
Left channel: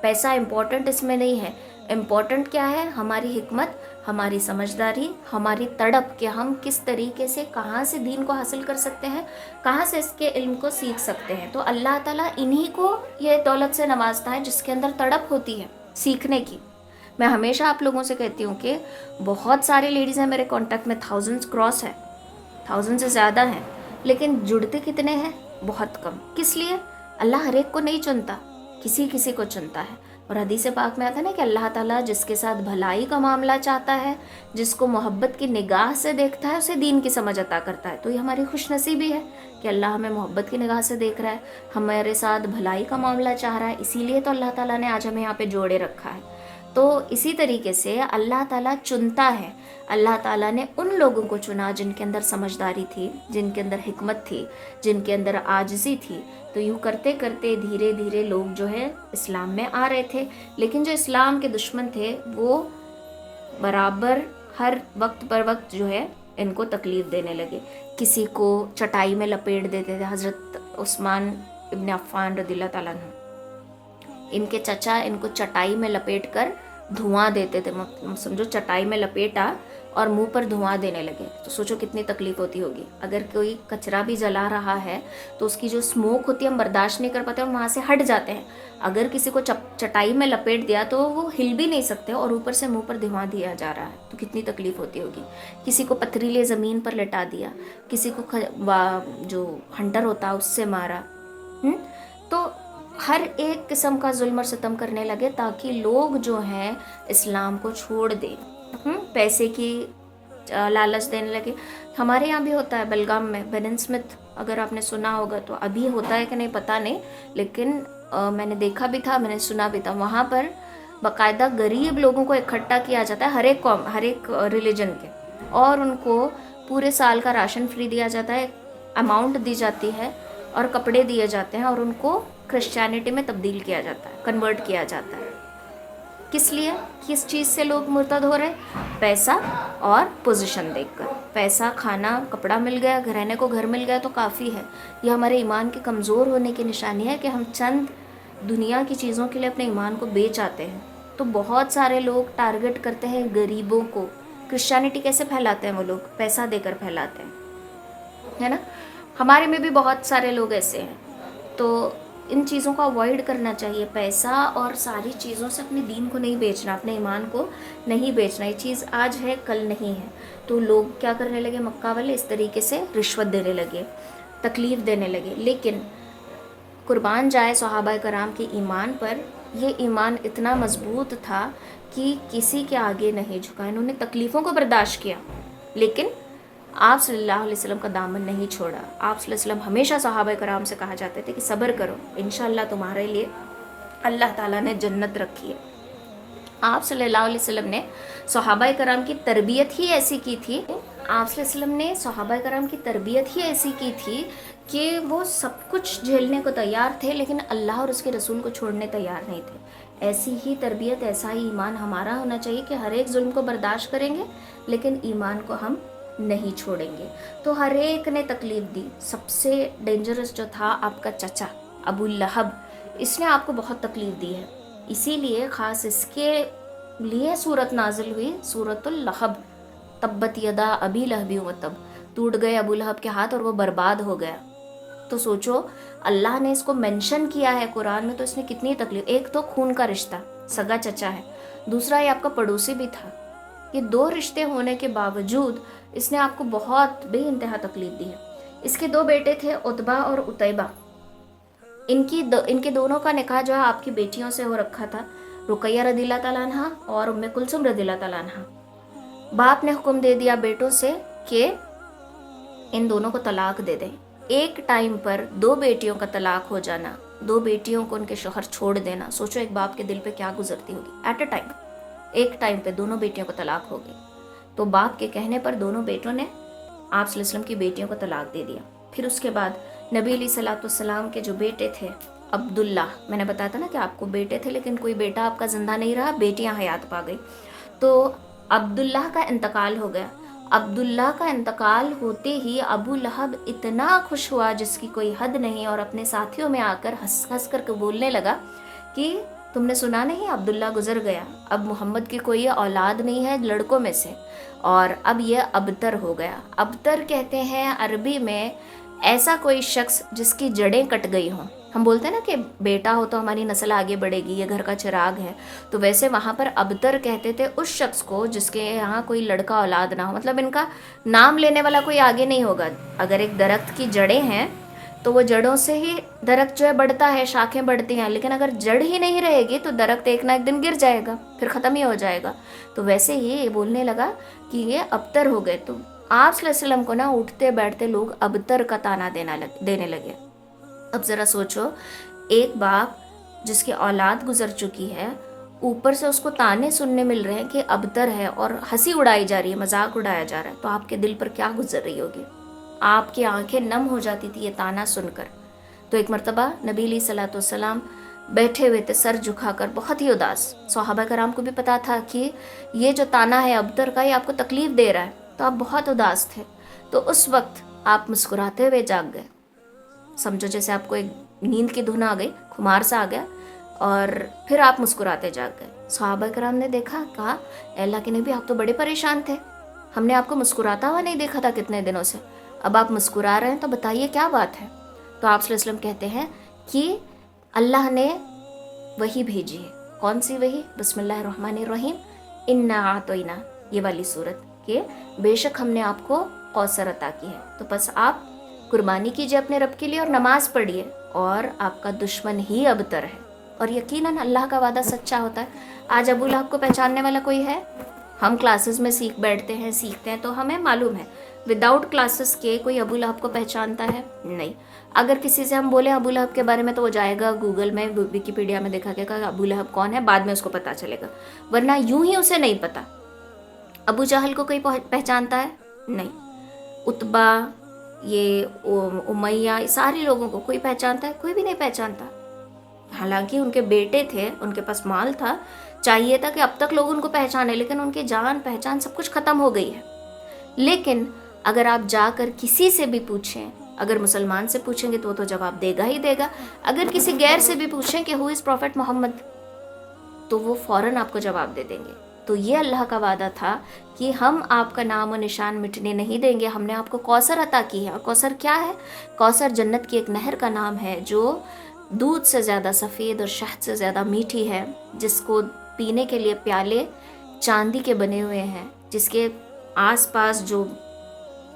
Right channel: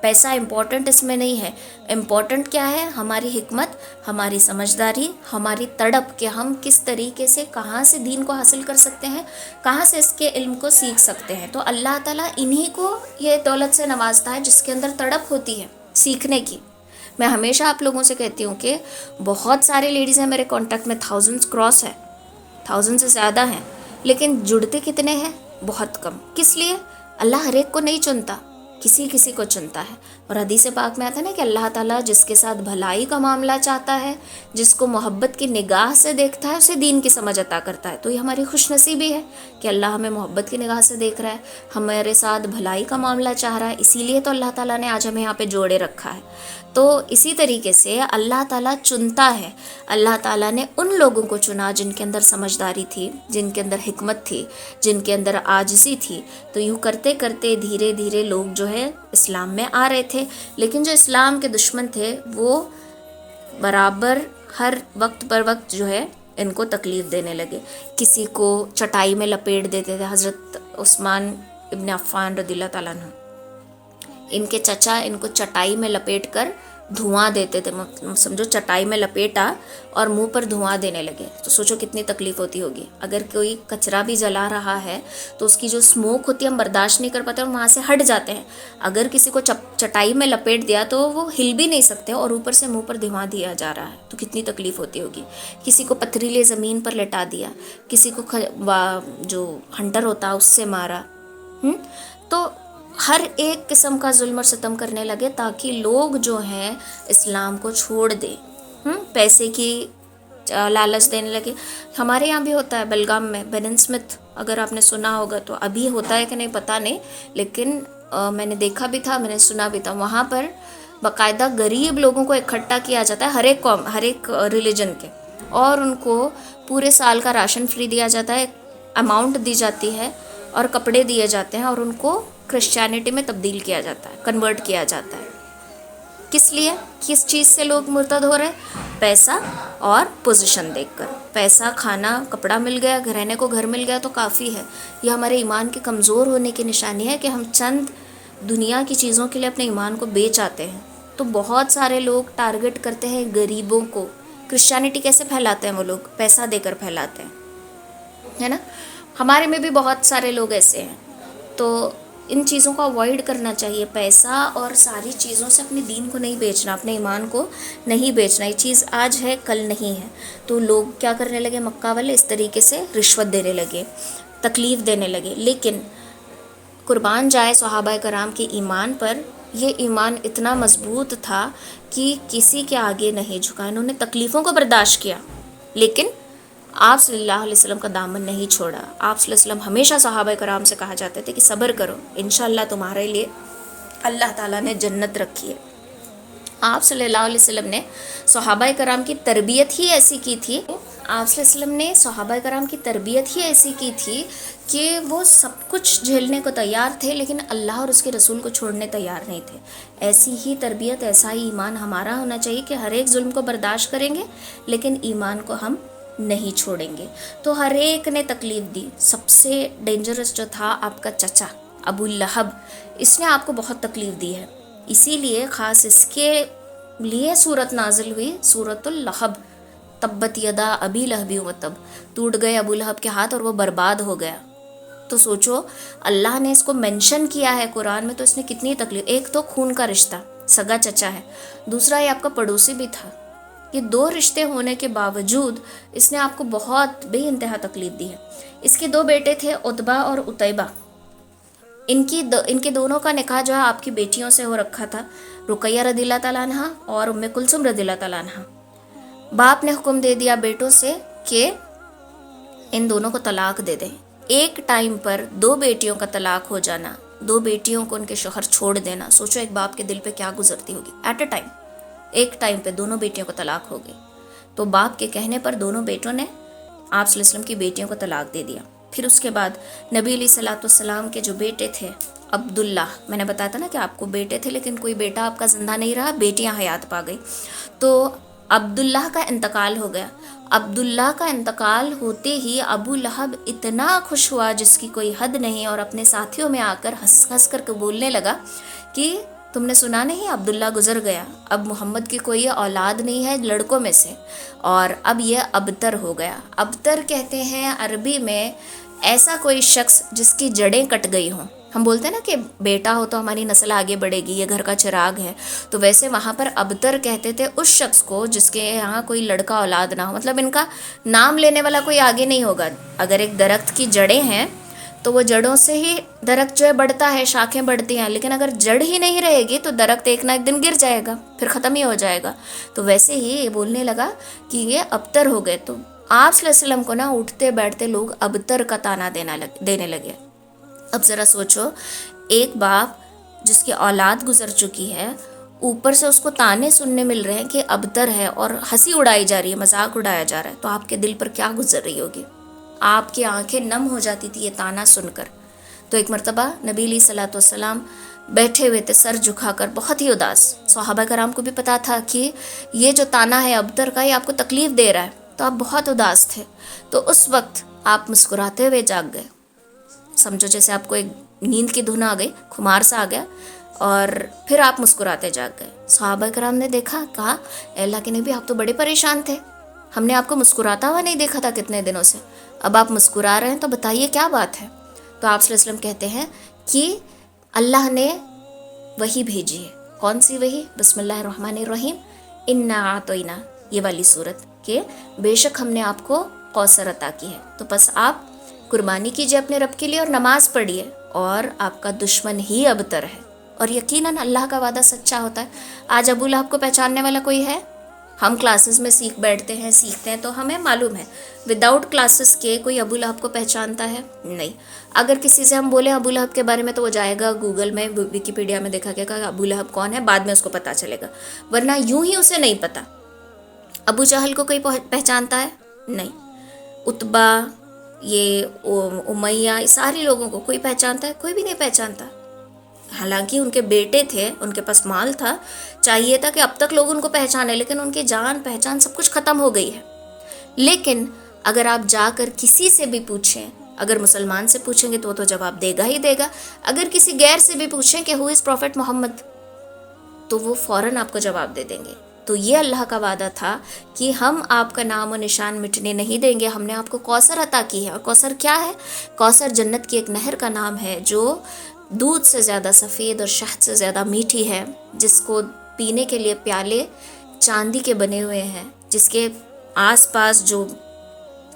پیسہ امپورٹنٹ اس میں نہیں ہے. امپورٹنٹ کیا ہے؟ ہماری حکمت، ہماری سمجھداری، ہماری تڑپ کہ ہم کس طریقے سے، کہاں سے دین کو حاصل کر سکتے ہیں، کہاں سے اس کے علم کو سیکھ سکتے ہیں. تو اللہ تعالیٰ انہی کو یہ دولت سے نوازتا ہے جس کے اندر تڑپ ہوتی ہے سیکھنے کی. میں ہمیشہ آپ لوگوں سے کہتی ہوں کہ بہت سارے لیڈیز ہیں میرے کانٹیکٹ میں، 1000 کراس ہے، 1000 سے زیادہ ہیں، لیکن جڑتے کتنے ہیں؟ بہت کم. کس لیے؟ اللہ ہر ایک کو نہیں چنتا، کسی کسی کو چنتا ہے. اور حدیث پاک میں آتا ہے نا کہ اللہ تعالیٰ جس کے ساتھ بھلائی کا معاملہ چاہتا ہے، جس کو محبت کی نگاہ سے دیکھتا ہے، اسے دین کی سمجھ عطا کرتا ہے. تو یہ ہماری خوش نصیبی ہے کہ اللہ ہمیں محبت کی نگاہ سے دیکھ رہا ہے، ہمارے ساتھ بھلائی کا معاملہ چاہ رہا ہے. اسی لیے تو اللہ تعالیٰ نے آج ہمیں یہاں پہ جوڑے رکھا ہے. تو اسی طریقے سے اللہ تعالیٰ چنتا ہے. اللہ تعالیٰ نے ان لوگوں کو چنا جن کے اندر سمجھداری تھی، جن کے اندر حکمت تھی، جن کے اندر عاجزی تھی. تو یوں کرتے کرتے دھیرے دھیرے لوگ جو ہے اسلام میں آ رہے تھے. لیکن جو اسلام کے دشمن تھے وہ برابر ہر وقت پر وقت جو ہے ان کو تکلیف دینے لگے. کسی کو چٹائی میں لپیٹ دیتے تھے. حضرت عثمان ابن عفان رضی اللہ تعالیٰ عنہ، ان کے چچا ان کو چٹائی میں لپیٹ کر دھواں دیتے تھے. سمجھو چٹائی میں لپیٹا اور منہ پر دھواں دینے لگے. تو سوچو کتنی تکلیف ہوتی ہوگی. اگر کوئی کچرا بھی جلا رہا ہے تو اس کی جو اسموک ہوتی ہے ہم برداشت نہیں کر پاتے اور وہاں سے ہٹ جاتے ہیں. اگر کسی کو چٹائی میں لپیٹ دیا تو وہ ہل بھی نہیں سکتے اور اوپر سے منہ پر دھواں دیا جا رہا ہے، تو کتنی تکلیف ہوتی ہوگی. کسی کو پتھریلے زمین پر لٹا دیا، کسی کو جو ہنٹر ہوتا اس سے مارا. تو ہر ایک قسم کا ظلم اور ستم کرنے لگے تاکہ لوگ جو ہیں اسلام کو چھوڑ دیں. پیسے کی لالچ دینے لگے. ہمارے یہاں بھی ہوتا ہے بلگام میں، برن اسمتھ، اگر آپ نے سنا ہوگا تو. ابھی ہوتا ہے کہ نہیں پتہ نہیں، لیکن میں نے دیکھا بھی تھا، میں نے سنا بھی تھا. وہاں پر باقاعدہ غریب لوگوں کو اکٹھا کیا جاتا ہے، ہر ایک قوم، ہر ایک ریلیجن کے، اور ان کو پورے سال کا راشن فری دیا جاتا ہے، اماؤنٹ دی جاتی ہے اور کپڑے دیے جاتے ہیں، اور ان کو کرسچینٹی میں تبدیل کیا جاتا ہے، کنورٹ کیا جاتا ہے. کس لیے؟ کس چیز سے لوگ مرتد ہو رہے؟ پیسہ اور پوزیشن دیکھ کر. پیسہ، کھانا، کپڑا مل گیا، رہنے کو گھر مل گیا تو کافی ہے. یہ ہمارے ایمان کے کمزور ہونے کی نشانی ہے کہ ہم چند دنیا کی چیزوں کے لیے اپنے ایمان کو بیچ آتے ہیں. تو بہت سارے لوگ ٹارگٹ کرتے ہیں غریبوں کو. کرسچینٹی کیسے پھیلاتے ہیں وہ لوگ؟ پیسہ دے کر پھیلاتے ہیں، ہے نا. ہمارے میں بھی بہت سارے لوگ ایسے ہیں. تو ان چیزوں کو اوائڈ کرنا چاہیے. پیسہ اور ساری چیزوں سے اپنے دین کو نہیں بیچنا، اپنے ایمان کو نہیں بیچنا. یہ چیز آج ہے کل نہیں ہے. تو لوگ کیا کرنے لگے؟ مکہ والے اس طریقے سے رشوت دینے لگے، تکلیف دینے لگے. لیکن قربان جائے صحابہ کرام کے ایمان پر، یہ ایمان اتنا مضبوط تھا کہ کسی کے آگے نہیں جھکا. انہوں نے تکلیفوں کو برداشت کیا لیکن آپ صلی اللہ علیہ وسلم کا دامن نہیں چھوڑا. آپ صلی اللہ علیہ وسلم ہمیشہ صحابہ کرام سے کہا جاتے تھے کہ صبر کرو، انشاءاللہ تمہارے لیے اللہ تعالیٰ نے جنت رکھی ہے. آپ صلی اللہ علیہ وسلم نے صحابہ کرام کی تربیت ہی ایسی کی تھی، آپ صلی اللہ علیہ وسلم نے صحابہ کرام کی تربیت ہی ایسی کی تھی کہ وہ سب کچھ جھیلنے کو تیار تھے لیکن اللہ اور اس کے رسول کو چھوڑنے تیار نہیں تھے. ایسی ہی تربیت، ایسا ہی ایمان ہمارا ہونا چاہیے کہ ہر ایک ظلم کو برداشت کریں گے لیکن ایمان کو ہم نہیں چھوڑیں گے. تو ہر ایک نے تکلیف دی. سب سے ڈینجرس جو تھا آپ کا چچا ابو لہب، اس نے آپ کو بہت تکلیف دی ہے. اسی لیے خاص اس کے لیے صورت نازل ہوئی، صورت اللہب. تبت یدا ابی لہب و تب، ٹوٹ گئے ابو لہب کے ہاتھ اور وہ برباد ہو گیا. تو سوچو اللہ نے اس کو مینشن کیا ہے قرآن میں، تو اس نے کتنی تکلیف. ایک تو خون کا رشتہ، سگا چچا ہے، دوسرا یہ آپ کا پڑوسی بھی تھا. یہ دو رشتے ہونے کے باوجود اس نے آپ کو بہت بے انتہا تکلیف دی ہے. اس کے دو بیٹے تھے، عتبہ اور عتیبہ. ان کے دونوں کا نکاح جو ہے آپ کی بیٹیوں سے ہو رکھا تھا، رقیہ رضی اللہ تعالیٰ عنہ اور ام کلثوم رضی اللہ تعالیٰ عنہ. باپ نے حکم دے دیا بیٹوں سے کہ ان دونوں کو طلاق دے دیں. ایک ٹائم پر 2 بیٹیوں کا طلاق ہو جانا، 2 بیٹیوں کو ان کے شوہر چھوڑ دینا، سوچو ایک باپ کے دل پہ کیا گزرتی ہوگی. ایٹ اے ٹائم، ایک ٹائم پہ دونوں بیٹیوں کو طلاق ہو گئی. تو باپ کے کہنے پر دونوں بیٹوں نے آپ صلی اللہ علیہ وسلم کی بیٹیوں کو طلاق دے دیا. پھر اس کے بعد نبی علیہ الصلوۃ والسلام کے جو بیٹے تھے عبداللہ، میں نے بتایا تھا نا کہ آپ کو بیٹے تھے لیکن کوئی بیٹا آپ کا زندہ نہیں رہا، بیٹیاں حیات پا گئی. تو عبداللہ کا انتقال ہو گیا. عبداللہ کا انتقال ہوتے ہی ابو لہب اتنا خوش ہوا جس کی کوئی حد نہیں، اور اپنے ساتھیوں میں آ کر ہنس ہنس کر کے بولنے لگا کہ تم نے سنا نہیں، عبداللہ گزر گیا، اب محمد کی کوئی اولاد نہیں ہے لڑکوں میں سے، اور اب یہ ابتر ہو گیا. ابتر کہتے ہیں عربی میں ایسا کوئی شخص جس کی جڑیں کٹ گئی ہوں. ہم بولتے ہیں نا کہ بیٹا ہو تو ہماری نسل آگے بڑھے گی، یہ گھر کا چراغ ہے، تو ویسے وہاں پر ابتر کہتے تھے اس شخص کو جس کے یہاں کوئی لڑکا اولاد نہ ہو، مطلب ان کا نام لینے والا کوئی آگے نہیں ہوگا. اگر ایک درخت کی جڑیں ہیں تو وہ جڑوں سے ہی درخت جو ہے بڑھتا ہے، شاخیں بڑھتی ہیں، لیکن اگر جڑ ہی نہیں رہے گی تو درخت ایک نہ ایک دن گر جائے گا، پھر ختم ہی ہو جائے گا. تو ویسے ہی یہ بولنے لگا کہ یہ ابتر ہو گئے. تو آپ صلی اللہ علیہ وسلم کو نا اٹھتے بیٹھتے لوگ ابتر کا طعنہ دینے لگے. اب ذرا سوچو، ایک باپ جس کی اولاد گزر چکی ہے، اوپر سے اس کو طعنے سننے مل رہے ہیں کہ ابتر ہے، اور ہنسی اڑائی جا رہی ہے، مذاق اڑایا جا رہا ہے، تو آپ کے دل پر کیا گزر رہی ہوگی؟ آپ کی آنکھیں نم ہو جاتی تھی یہ طعنہ سن کر. تو ایک مرتبہ نبی علیہ الصلوۃ والسلام بیٹھے ہوئے تھے سر جھکا کر، بہت ہی اداس. صحابہ کرام کو بھی پتا تھا کہ یہ جو طعنہ ہے ابتر کا، یہ آپ کو تکلیف دے رہا ہے، تو آپ بہت اداس تھے. تو اس وقت آپ مسکراتے ہوئے جاگ گئے. سمجھو جیسے آپ کو ایک نیند کی دھن آ گئی، خمار سا آ گیا، اور پھر آپ مسکراتے جاگ گئے. صحابہ کرام نے دیکھا، کہا اے اللہ کے نبی، آپ تو بڑے پریشان تھے، ہم نے آپ کو مسکراتا ہوا نہیں دیکھا تھا کتنے دنوں سے، اب آپ مسکرا رہے ہیں تو بتائیے کیا بات ہے. تو آپ صلی اللہ علیہ وسلم کہتے ہیں کہ اللہ نے وحی بھیجی ہے. کون سی وحی؟ بسم اللہ الرحمن الرحیم، انا اعطینا، یہ والی صورت، کہ بے شک ہم نے آپ کو کوثر عطا کی ہے، تو بس آپ قربانی کیجئے اپنے رب کے لیے اور نماز پڑھیے، اور آپ کا دشمن ہی ابتر ہے. اور یقیناً اللہ کا وعدہ سچا ہوتا ہے. آج ابو لہب کو پہچاننے والا کوئی ہے؟ ہم کلاسز میں سیکھتے ہیں تو ہمیں معلوم ہے، وداؤٹ کلاسز کے کوئی ابو لہب کو پہچانتا ہے؟ نہیں. اگر کسی سے ہم بولیں ابو لہب کے بارے میں تو وہ جائے گا گوگل میں، ویکیپیڈیا میں دیکھا کہ ابو لہب کون ہے، بعد میں اس کو پتہ چلے گا، ورنہ یوں ہی اسے نہیں پتہ. ابو جہل کو کوئی پہچانتا ہے؟ نہیں. عتبہ، یہ امیہ، سارے لوگوں کو کوئی پہچانتا ہے؟ کوئی بھی نہیں پہچانتا. حالانکہ ان کے بیٹے تھے، ان کے پاس مال تھا، چاہیے تھا کہ اب تک لوگ ان کو پہچانے، لیکن ان کی جان پہچان سب کچھ ختم ہو گئی ہے. لیکن اگر آپ جا کر کسی سے بھی پوچھیں، اگر مسلمان سے پوچھیں گے تو وہ تو جواب دے گا ہی دے گا، اگر کسی غیر سے بھی پوچھیں کہ ہو از پروفٹ محمد، تو وہ فوراً آپ کو جواب دے دیں گے. تو یہ اللہ کا وعدہ تھا کہ ہم آپ کا نام و نشان مٹنے نہیں دیں گے. ہم نے آپ کو کوثر عطا کی ہے. اور کوثر کیا ہے؟ کوثر جنت کی ایک نہر کا نام ہے جو دودھ سے زیادہ سفید اور شہد سے زیادہ میٹھی ہے، جس کو پینے کے لیے پیالے چاندی کے بنے ہوئے ہیں، جس کے آس پاس جو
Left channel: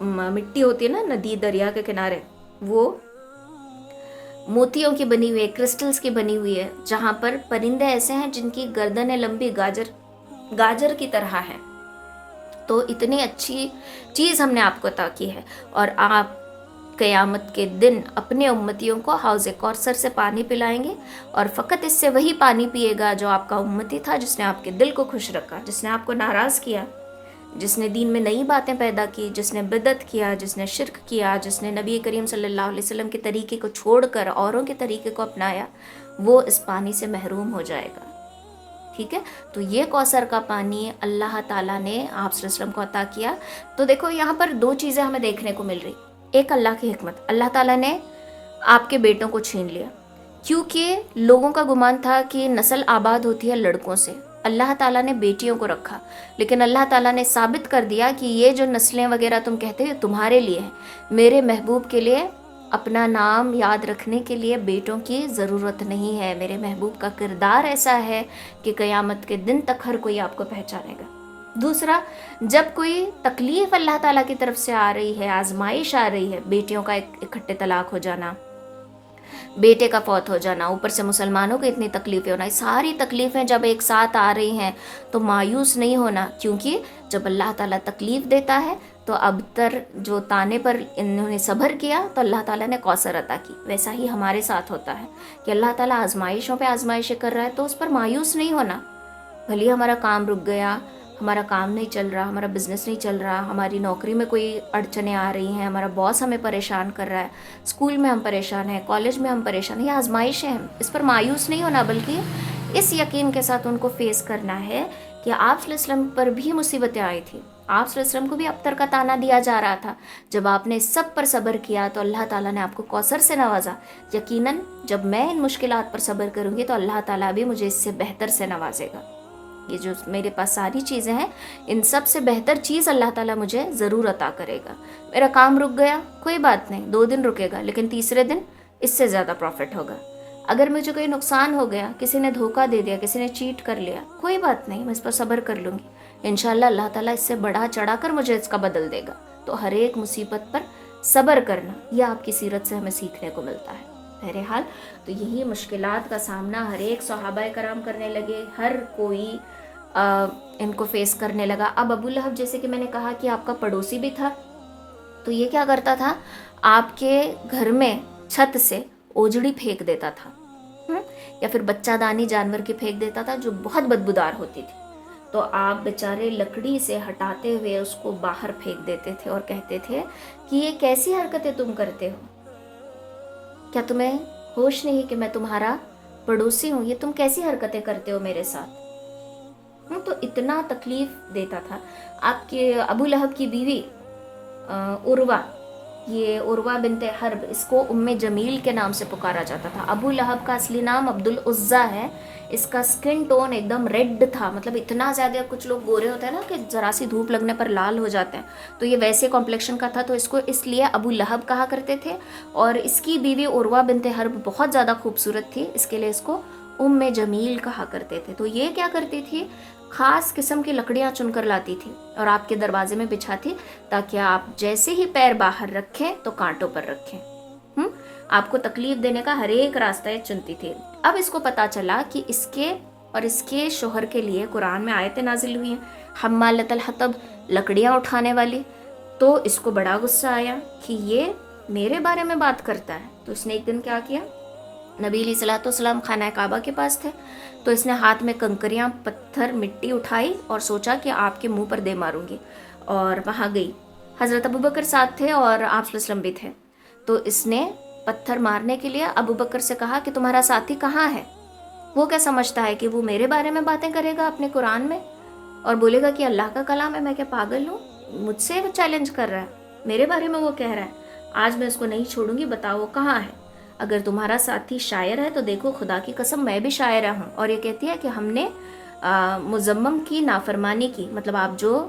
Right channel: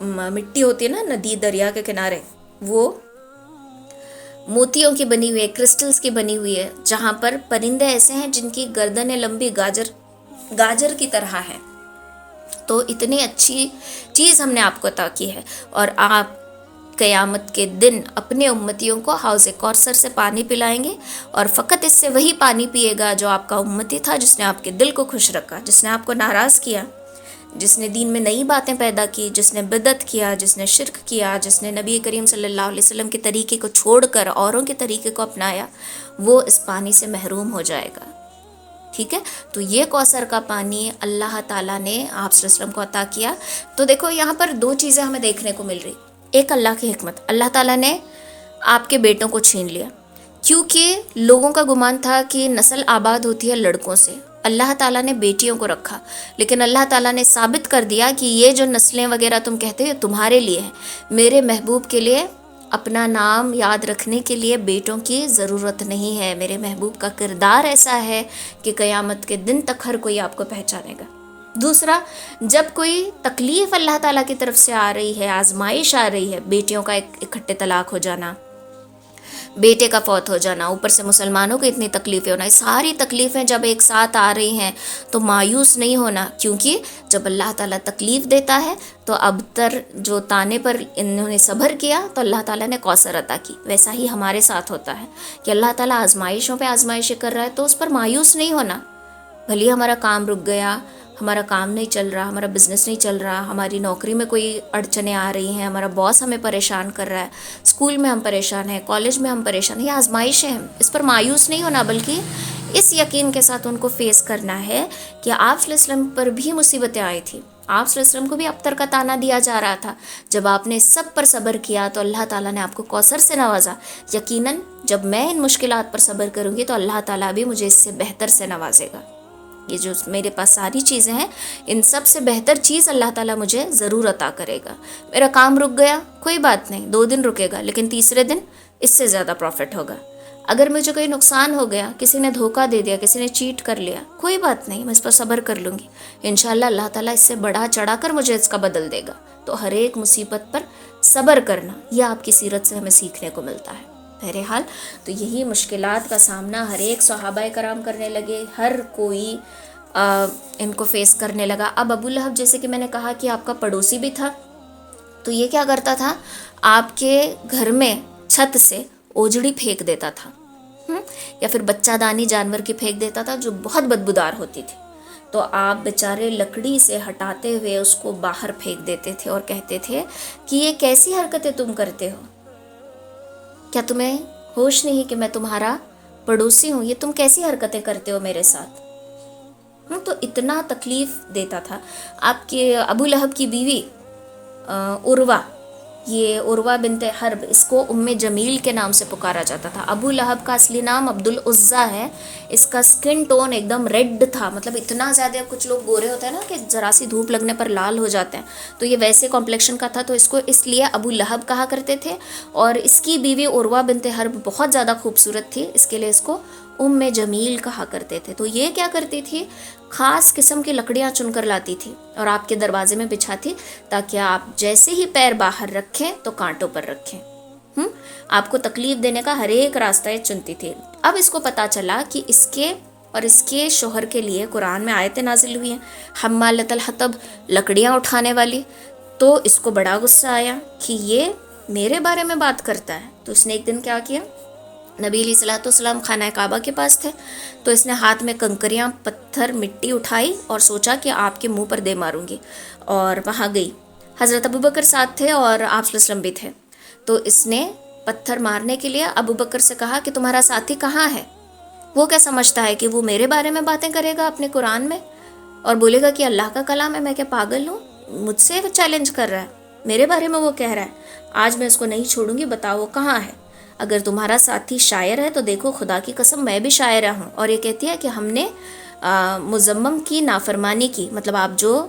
مٹی ہوتی ہے نا ندی دریا کے کنارے، وہ موتیوں کی بنی ہوئی ہے، کرسٹلز کی بنی ہوئی ہے، جہاں پر پرندے ایسے ہیں جن کی گردنیں لمبی گاجر کی طرح ہے. تو اتنی اچھی چیز ہم نے آپ کو عطا کی ہے، اور آپ قیامت کے دن اپنے امتیوں کو حوض کوثر سے پانی پلائیں گے، اور فقط اس سے وہی پانی پیے گا جو آپ کا امتی تھا، جس نے آپ کے دل کو خوش رکھا، جس نے آپ کو ناراض کیا، جس نے دین میں نئی باتیں پیدا کی، جس نے بدعت کیا، جس نے شرک کیا، جس نے نبی کریم صلی اللہ علیہ وسلم کے طریقے کو چھوڑ کر اوروں کے طریقے کو اپنایا، وہ اس پانی سے محروم ہو جائے گا. ٹھیک ہے. تو یہ کوثر کا پانی اللہ تعالیٰ نے آپ صلی اللہ علیہ وسلم کو عطا کیا. تو دیکھو یہاں پر 2 چیزیں ہمیں دیکھنے کو مل رہی. ایک اللہ کی حکمت، اللہ تعالیٰ نے آپ کے بیٹوں کو چھین لیا، کیونکہ لوگوں کا گمان تھا کہ نسل آباد ہوتی ہے لڑکوں سے. اللہ تعالیٰ نے بیٹیوں کو رکھا، لیکن اللہ تعالیٰ نے ثابت کر دیا کہ یہ جو نسلیں وغیرہ تم کہتے ہو تمہارے لیے ہیں، میرے محبوب کے لیے اپنا نام یاد رکھنے کے لیے بیٹوں کی ضرورت نہیں ہے. میرے محبوب کا کردار ایسا ہے کہ قیامت کے دن تک ہر کوئی آپ کو پہچانے گا. دوسرا، جب کوئی تکلیف اللہ تعالیٰ کی طرف سے آ رہی ہے، آزمائش آ رہی ہے، بیٹیوں کا اکٹھے طلاق ہو جانا، بیٹے کا فوت ہو جانا، اوپر سے مسلمانوں کو اتنی تکلیفیں ہونا، یہ ساری تکلیفیں جب ایک ساتھ آ رہی ہیں تو مایوس نہیں ہونا، کیونکہ جب اللہ تعالیٰ تکلیف دیتا ہے تو ابتر جو تانے پر انہوں نے صبر کیا تو اللہ تعالیٰ نے کوثر عطا کی. ویسا ہی ہمارے ساتھ ہوتا ہے کہ اللہ تعالیٰ آزمائشوں پہ آزمائشیں کر رہا ہے تو اس پر مایوس نہیں ہونا. بھلی ہمارا کام رک گیا، ہمارا کام نہیں چل رہا، ہمارا بزنس نہیں چل رہا، ہماری نوکری میں کوئی اڑچنیں آ رہی ہیں، ہمارا باس ہمیں پریشان کر رہا ہے، اسکول میں ہم پریشان ہیں، کالج میں ہم پریشان ہیں، یہ آزمائش ہیں، اس پر مایوس نہیں ہونا، بلکہ اس یقین کے ساتھ ان کو فیس کرنا ہے کہ آپ صلی اللہ علیہ وسلم پر بھی مصیبتیں آئی تھیں، آپ صلی اللہ علیہ وسلم کو بھی ابتر کا تانا دیا جا رہا تھا. جب آپ نے سب پر صبر کیا تو اللہ تعالیٰ نے آپ کو کوثر سے نوازا. یقیناً جب میں ان مشکلات پر صبر کروں گی تو اللہ تعالیٰ بھی مجھے اس سے بہتر سے نوازے گا. یہ جو میرے پاس ساری چیزیں ہیں، ان سب سے بہتر چیز اللہ تعالیٰ مجھے ضرور عطا کرے گا. میرا کام رک گیا، کوئی بات نہیں، 2 دن رکے گا، لیکن تیسرے دن اس سے زیادہ پروفٹ ہوگا. اگر مجھے کوئی نقصان ہو گیا، کسی نے دھوکہ دے دیا، کسی نے چیٹ کر لیا، کوئی بات نہیں، میں اس پر صبر کر لوں گی. انشاءاللہ اللہ تعالیٰ اس سے بڑھا چڑھا کر مجھے اس کا بدل دے گا. تو ہر ایک مصیبت پر صبر کرنا، یہ آپ کی سیرت سے ہمیں سیکھنے کو ملتا ہے. بہرحال تو یہی مشکلات کا سامنا ہر ایک صحابہ کرام کرنے لگے، ہر کوئی ان کو فیس کرنے لگا. اب ابو لہب جیسے کہ میں نے کہا کہ آپ کا پڑوسی بھی تھا، تو یہ کیا کرتا تھا، آپ کے گھر میں چھت سے اوجڑی پھینک دیتا تھا، یا پھر بچہ دانی جانور کی پھینک دیتا تھا جو بہت بدبودار ہوتی تھی. تو آپ بیچارے لکڑی سے ہٹاتے ہوئے اس کو باہر پھینک دیتے تھے اور کہتے تھے کہ یہ کیسی حرکتیں تم کرتے ہو، کیا تمہیں ہوش نہیں کہ میں تمہارا پڑوسی ہوں، یہ تم کیسی حرکتیں کرتے ہو میرے ساتھ. تو اتنا تکلیف دیتا تھا. آپ کے ابو لہب کی بیوی عروہ، یہ عروہ بنت حرب، اس کو ام جمیل کے نام سے پکارا جاتا تھا. ابو لہب کا اصلی نام عبد العزیٰ ہے. اس کا سکن ٹون ایک دم ریڈ تھا، مطلب اتنا زیادہ، کچھ لوگ گورے ہوتے ہیں نا کہ ذرا سی دھوپ لگنے پر لال ہو جاتے ہیں، تو یہ ویسے کمپلیکشن کا تھا، تو اس کو اس لیے ابو لہب کہا کرتے تھے. اور اس کی بیوی عروہ بنت حرب بہت زیادہ خوبصورت تھی، اس کے لیے اس کو ام جمیل کہا کرتے تھے. تو یہ کیا کرتی تھی، خاص قسم کی لکڑیاں چن کر لاتی تھی اور آپ کے دروازے میں بچھاتی، تاکہ آپ جیسے ہی پیر باہر رکھیں تو کانٹوں پر رکھیں. آپ کو تکلیف دینے کا ہر ایک راستہ یہ چنتی تھی. اب اس کو پتا چلا کہ اس کے اور اس کے شوہر کے لیے قرآن میں آیتیں نازل ہوئی ہیں، حمالۃ الحطب، لکڑیاں اٹھانے والی. تو اس کو بڑا غصہ آیا کہ یہ میرے بارے میں بات کرتا ہے. تو اس نے ایک دن کیا کیا، نبی علیہ الصلوۃ والسلام خانہ کعبہ کے پاس تھے، تو اس نے ہاتھ میں کنکریاں، پتھر، مٹی اٹھائی اور سوچا کہ آپ کے منہ پر دے ماروں گی، اور وہاں گئی. حضرت ابوبکر ساتھ تھے اور آپ صلی اللہ علیہ وسلم بھی تھے. تو اس نے پتھر مارنے کے لیے ابوبکر سے کہا کہ تمہارا ساتھی کہاں ہے. وہ کیا سمجھتا ہے کہ وہ میرے بارے میں باتیں کرے گا اپنے قرآن میں اور بولے گا کہ اللہ کا کلام ہے، میں کیا پاگل ہوں، مجھ سے وہ چیلنج کر رہا ہے، میرے بارے میں وہ کہہ رہا ہے. آج میں اس کو نہیں چھوڑوں گی، بتاؤ وہ کہاں ہے. اگر تمہارا ساتھی شاعر ہے تو دیکھو خدا کی قسم میں بھی شاعرہ ہوں. اور یہ کہتی ہے کہ ہم نے مزمم کی نافرمانی کی، مطلب آپ جو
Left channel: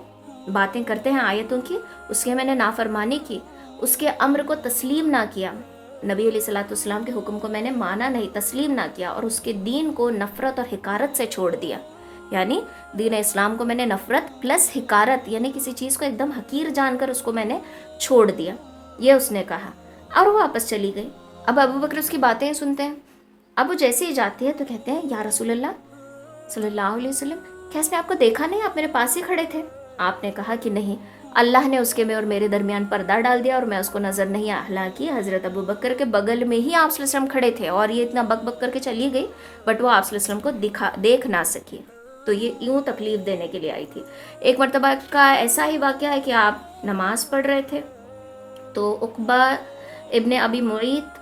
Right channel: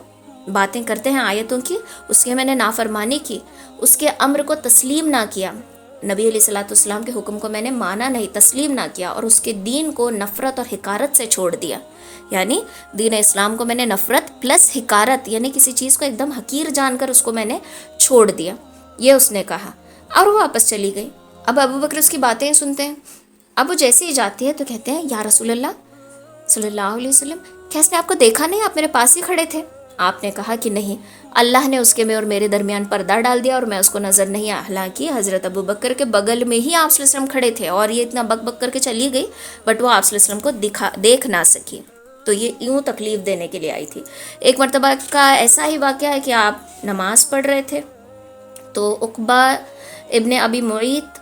باتیں کرتے ہیں آیتوں کی، اس کے میں نے نافرمانی کی، اس کے امر کو تسلیم نہ کیا، نبی علیہ الصلوۃ والسلام کے حکم کو میں نے مانا نہیں، تسلیم نہ کیا، اور اس کے دین کو نفرت اور حقارت سے چھوڑ دیا. یعنی دین اسلام کو میں نے نفرت پلس حقارت، یعنی کسی چیز کو ایک دم حقیر جان کر اس کو میں نے چھوڑ دیا، یہ اس نے کہا. اور وہ واپس چلی گئی. اب ابوبکر اس کی باتیں سنتے ہیں. اب وہ جیسے ہی جاتی ہے تو کہتے ہیں یا رسول اللہ صلی اللہ علیہ وسلم، کیا اس نے آپ کو دیکھا نہیں، آپ میرے پاس ہی کھڑے تھے. آپ نے کہا کہ نہیں، اللہ نے اس کے میں اور میرے درمیان پردہ ڈال دیا اور میں اس کو نظر نہیں آیا. حالانکہ حضرت ابوبکر کے بغل میں ہی آپ صلی اللہ علیہ وسلم کھڑے تھے اور یہ اتنا بک بک کر کے چلی گئی، بٹ وہ آپ صلی اللہ علیہ وسلم کو دیکھ نہ سکی. تو یہ یوں تکلیف دینے کے لیے آئی تھی. ایک مرتبہ کا ایسا ہی واقعہ ہے کہ آپ نماز پڑھ رہے تھے تو عقبہ ابن ابی معیط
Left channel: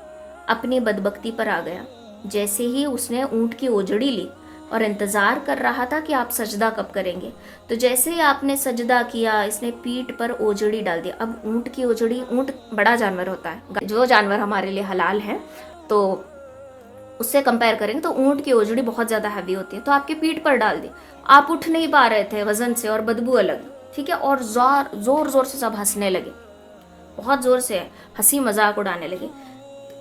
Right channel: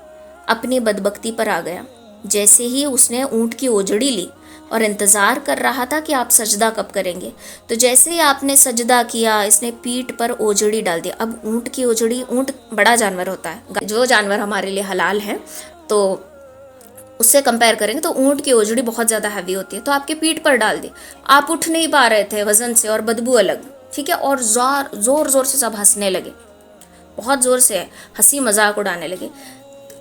اپنی بدبختی پر آ گیا. جیسے ہی اس نے اونٹ کی اوجڑی لی اور انتظار کر رہا تھا کہ آپ سجدہ کب کریں گے، تو جیسے ہی آپ نے سجدہ کیا اس نے پیٹھ پر اوجڑی ڈال دیا. اب اونٹ کی اوجڑی، اونٹ بڑا جانور ہوتا ہے، جو جانور ہمارے لیے حلال ہے، تو اس سے کمپیئر کریں گے تو اونٹ کی اوجڑی بہت زیادہ ہیوی ہوتی ہے، تو آپ کے پیٹھ پر ڈال دی. آپ اٹھ نہیں پا رہے تھے وزن سے اور بدبو الگ، ٹھیک ہے، اور زور زور سے سب ہنسنے لگے، بہت زور سے ہنسی مذاق اڑانے لگے.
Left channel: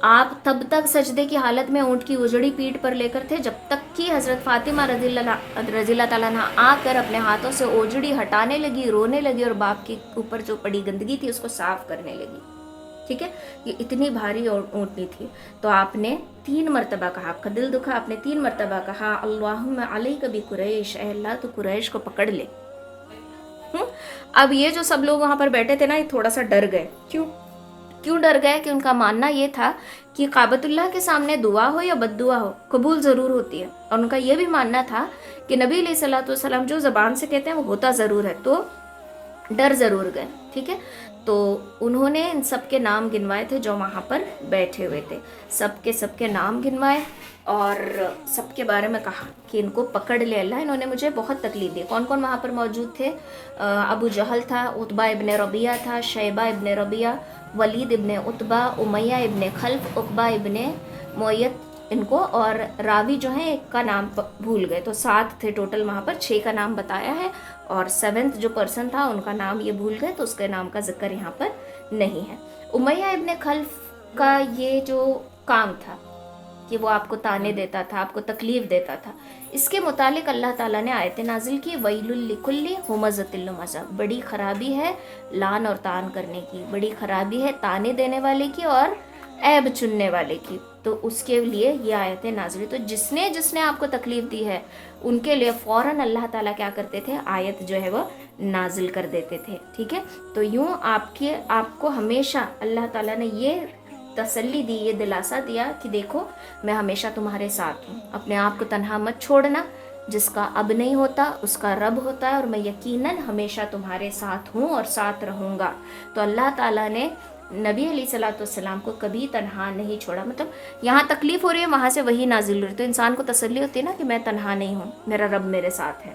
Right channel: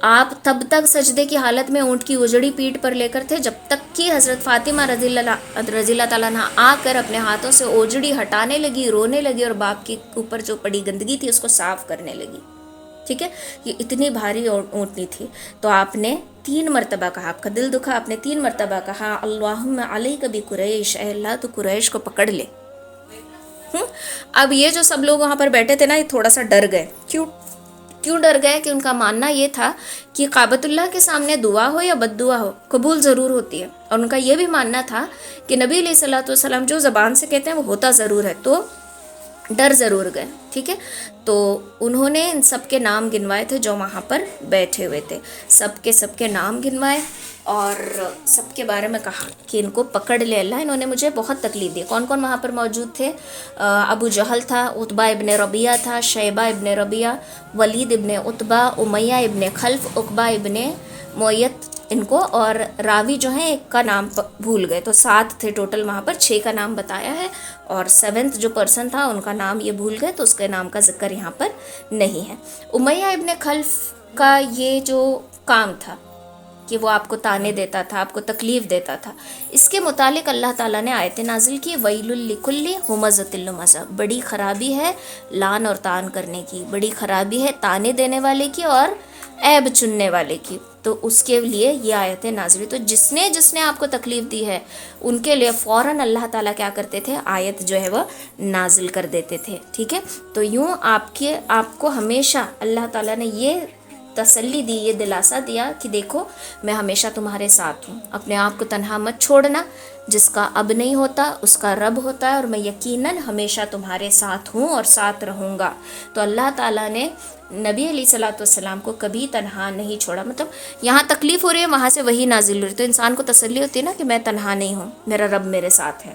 آپ تب تک سجدے کی حالت میں اونٹ کی اوجڑی پیٹھ پر لے کر تھے جب تک کہ حضرت فاطمہ رضی اللہ تعالیٰ عنہ آ کر اپنے ہاتھوں سے اوجڑی ہٹانے لگی، رونے لگی اور باپ کے اوپر جو پڑی گندگی تھی اس کو صاف کرنے لگی. ٹھیک ہے، یہ اتنی بھاری اونٹنی تھی. تو آپ نے 3 مرتبہ کہا، آپ کا دل دکھا، آپ نے 3 مرتبہ کہا اللہم علیک بقریش، اے اللہ تو قریش کو پکڑ لے. اب یہ جو سب لوگ وہاں پر بیٹھے تھے نا، یہ تھوڑا سا ڈر گئے. کیوں ڈر گئے؟ کہ ان کا ماننا یہ تھا کہ کعبۃ اللہ کے سامنے دعا ہو یا بد دعا ہو قبول ضرور ہوتی ہے، اور ان کا یہ بھی ماننا تھا کہ نبی علیہ الصلوۃ والسلام جو زبان سے کہتے ہیں وہ ہوتا ضرور ہے. تو ڈر ضرور گئے. ٹھیک ہے، تو انہوں نے ان سب کے نام گنوائے تھے جو وہاں پر بیٹھے ہوئے تھے، سب کے نام گنوائے اور سب کے بارے میں کہا کہ ان کو پکڑ لے اللہ، انہوں نے مجھے بہت تکلیف دی. کون کون وہاں پر موجود تھے؟ ابو جہل تھا، عتبہ ابن ربیعہ تھا، شیبہ ابن ربیعہ، ولید ابن عتبہ، امیہ ابن خلف، عقبہ ابن معیط ان کو، اور راوی جو ہیں ایک کا نام بھول گئے. تو 7 تھے ٹوٹل وہاں پر، 6 کا نام بتایا ہے اور 7 جو پرسن تھا ان کا نام یہ بھول گئے، تو اس کے نام کا ذکر یہاں پر نہیں ہے. امیہ ابن خلف کا یہ جو کام تھا کہ وہ آپ کو تانے دیتا تھا، آپ کو تکلیف دیتا تھا، اس کے متعلق اللہ تعالیٰ نے آیت نازل کی ویل لکل ہمزۃ لمزہ، بڑی خرابی ہے لان اور تان کرنے کی، بڑی خرابی ہے تانے دینے والے کی اور عیب چننے والے کی. تو اس کے لیے یہ آیت نازل. تو جس نے آپ کو تکلیف دی ہے ان کے لیے فوراً اللہ تعالیٰ کیا کرتے تھے؟ آیت جو ہے وہ نازل کر دیتے تھے. ٹھیک ہے، تو یوں آپ کو ہمیشہ اللہ تعالیٰ نے یہ تسلی دی، یہ دلاسا دیا کہ دیکھو میں ہمیشہ تمہارے ساتھ ہوں، اپنے آپ کو تنہا مت چھوڑنا، جس کا اب نہیں ہوتا اس کا رب ہوتا ہے، اور میں یقیناً ہمیشہ تمہارے ساتھ ہوں اور ساتھ رہوں گا. تو اللہ تعالیٰ نے نبی علیہ الصلوۃ والسلام کو کبھی تنہا نہیں چھوڑا. مطلب یہاں تکلیف ہو رہی ہے، وہاں سے وہی نازل ہو رہی ہے، تو انسان کو تسلی ہوتی ہے نا کہ میں تنہا نہیں ہوں، میرا رب میرے ساتھ ہے.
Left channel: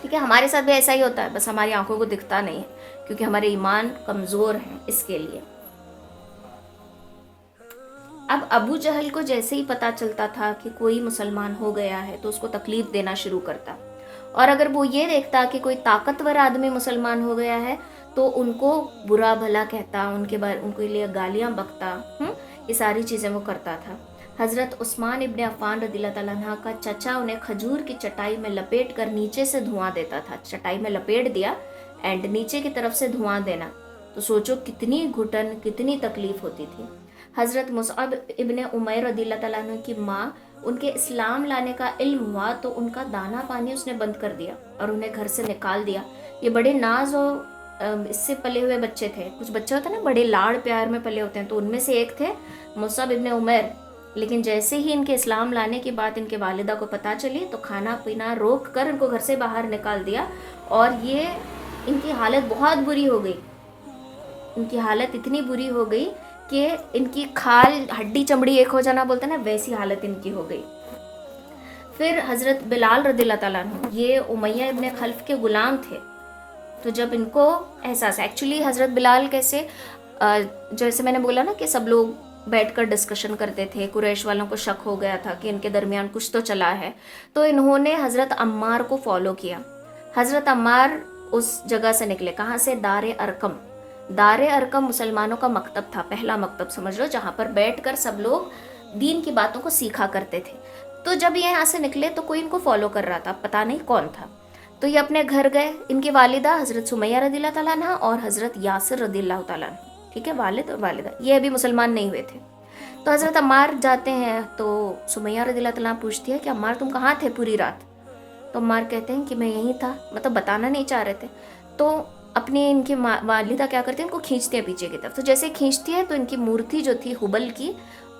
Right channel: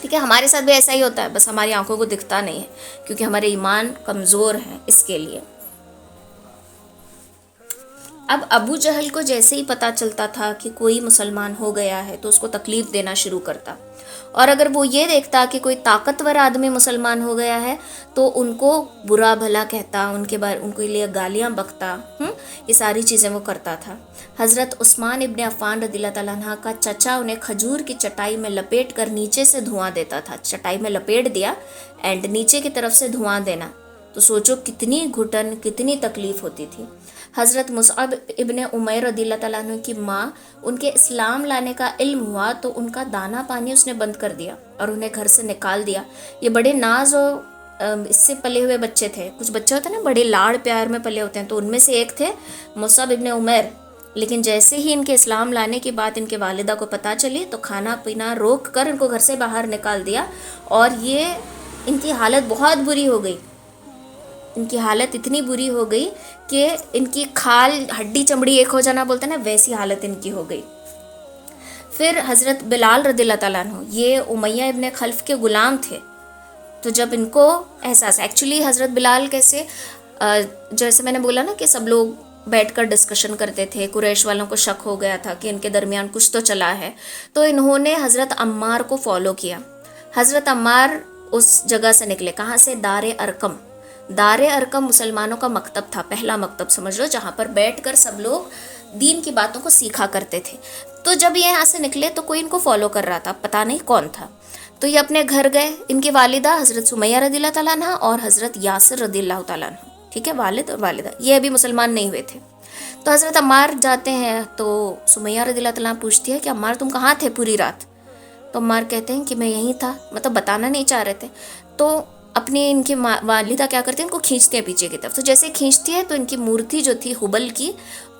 ٹھیک ہے، ہمارے ساتھ بھی ایسا ہی ہوتا ہے، بس ہماری آنکھوں کو دکھتا نہیں ہے کیونکہ ہمارے ایمان کمزور ہیں اس کے لیے. اب ابو جہل کو جیسے ہی پتہ چلتا تھا کہ کوئی مسلمان ہو گیا ہے تو اس کو تکلیف دینا شروع کرتا، اور اگر وہ یہ دیکھتا کہ کوئی طاقتور آدمی مسلمان ہو گیا ہے تو ان کو برا بھلا کہتا، ان کے لیے گالیاں بکتا. یہ ساری چیزیں وہ کرتا تھا. حضرت عثمان ابن عفان رضی اللہ تعالیٰ عنہ کا چچا انہیں کھجور کی چٹائی میں لپیٹ کر نیچے سے دھواں دیتا تھا. چٹائی میں لپیٹ دیا اینڈ نیچے کی طرف سے دھواں دینا، تو سوچو کتنی گھٹن، کتنی تکلیف ہوتی تھی. حضرت مصعب ابن عمیر رضی اللہ تعالیٰ عنہ کی ماں، ان کے اسلام لانے کا علم ہوا تو ان کا دانا پانی اس نے بند کر دیا اور انہیں گھر سے نکال دیا. یہ بڑے ناز اور اس سے پلے ہوئے بچے تھے. کچھ بچے ہوتے ہیں نا بڑے لاڑ پیار میں پلے ہوتے ہیں، تو ان میں سے ایک تھے مصعب ابن عمیر. لیکن جیسے ہی ان کے اسلام لانے کی بات ان کے والدہ کو پتہ چلی تو کھانا پینا روک کر ان کو گھر سے باہر نکال دیا، اور یہ ان کی حالت بہت بری ہو گئی. ان کی حالت اتنی بری ہو گئی کہ ان کی کھال ہڈی چمڑی ایک ہو جانا بولتے ہیں نا، ویسی حالت ان کی ہو گئی. پھر حضرت بلال رضی اللہ تعالیٰ عنہ، یہ امیہ ابن خلف کے غلام تھے. تو جب ان کو احساس، ایکچولی حضرت بلال کیسے، جیسے میں نے بولا نا کہ سب لوگ بیٹھ کر ڈسکشن کرتے تھے، قریش والوں کو شک ہو گیا تھا کہ ان کے درمیان کچھ تو چلا ہے، تو انہوں نے حضرت عمار کو فالو کیا. حضرت عمار اس جگہ سے نکلے، کہاں سے؟ دار ارقم. دار ارقم مسلمانوں کا مکتب تھا، پہلا مکتب سمجھ لو، جہاں پر بیٹھ کر سب لوگ دین کی باتوں کو سیکھا کرتے تھے. تو جب یہ یہاں سے نکلے تو کوئی ان کو فالو کر رہا تھا، پتہ نہیں کون تھا. تو یہ اپنے گھر گئے. ان کی والدہ حضرت سمیہ رضی اللہ تعالیٰ عنہ اور حضرت یاسر رضی اللہ تعالیٰ عنہ، ٹھیک ہے، والد اور والدہ، یہ ابھی مسلمان نہیں ہوئے تھے. تو حضرت عمار جاتے ہیں تو سمیہ رضی اللہ تعالیٰ عنہ پوچھتی ہے کہ عمار تم کہاں تھے پوری رات؟ تو عمار کہتے ہیں کہ میں یہیں تھا، مطلب بتانا نہیں چاہ رہے تھے. تو اپنی ان کی والدہ کیا کرتی ہیں، ان کو کھینچتے ہیں پیچھے کی طرف. تو جیسے کھینچتی ہے تو ان کی مورتی جو تھی حبل کی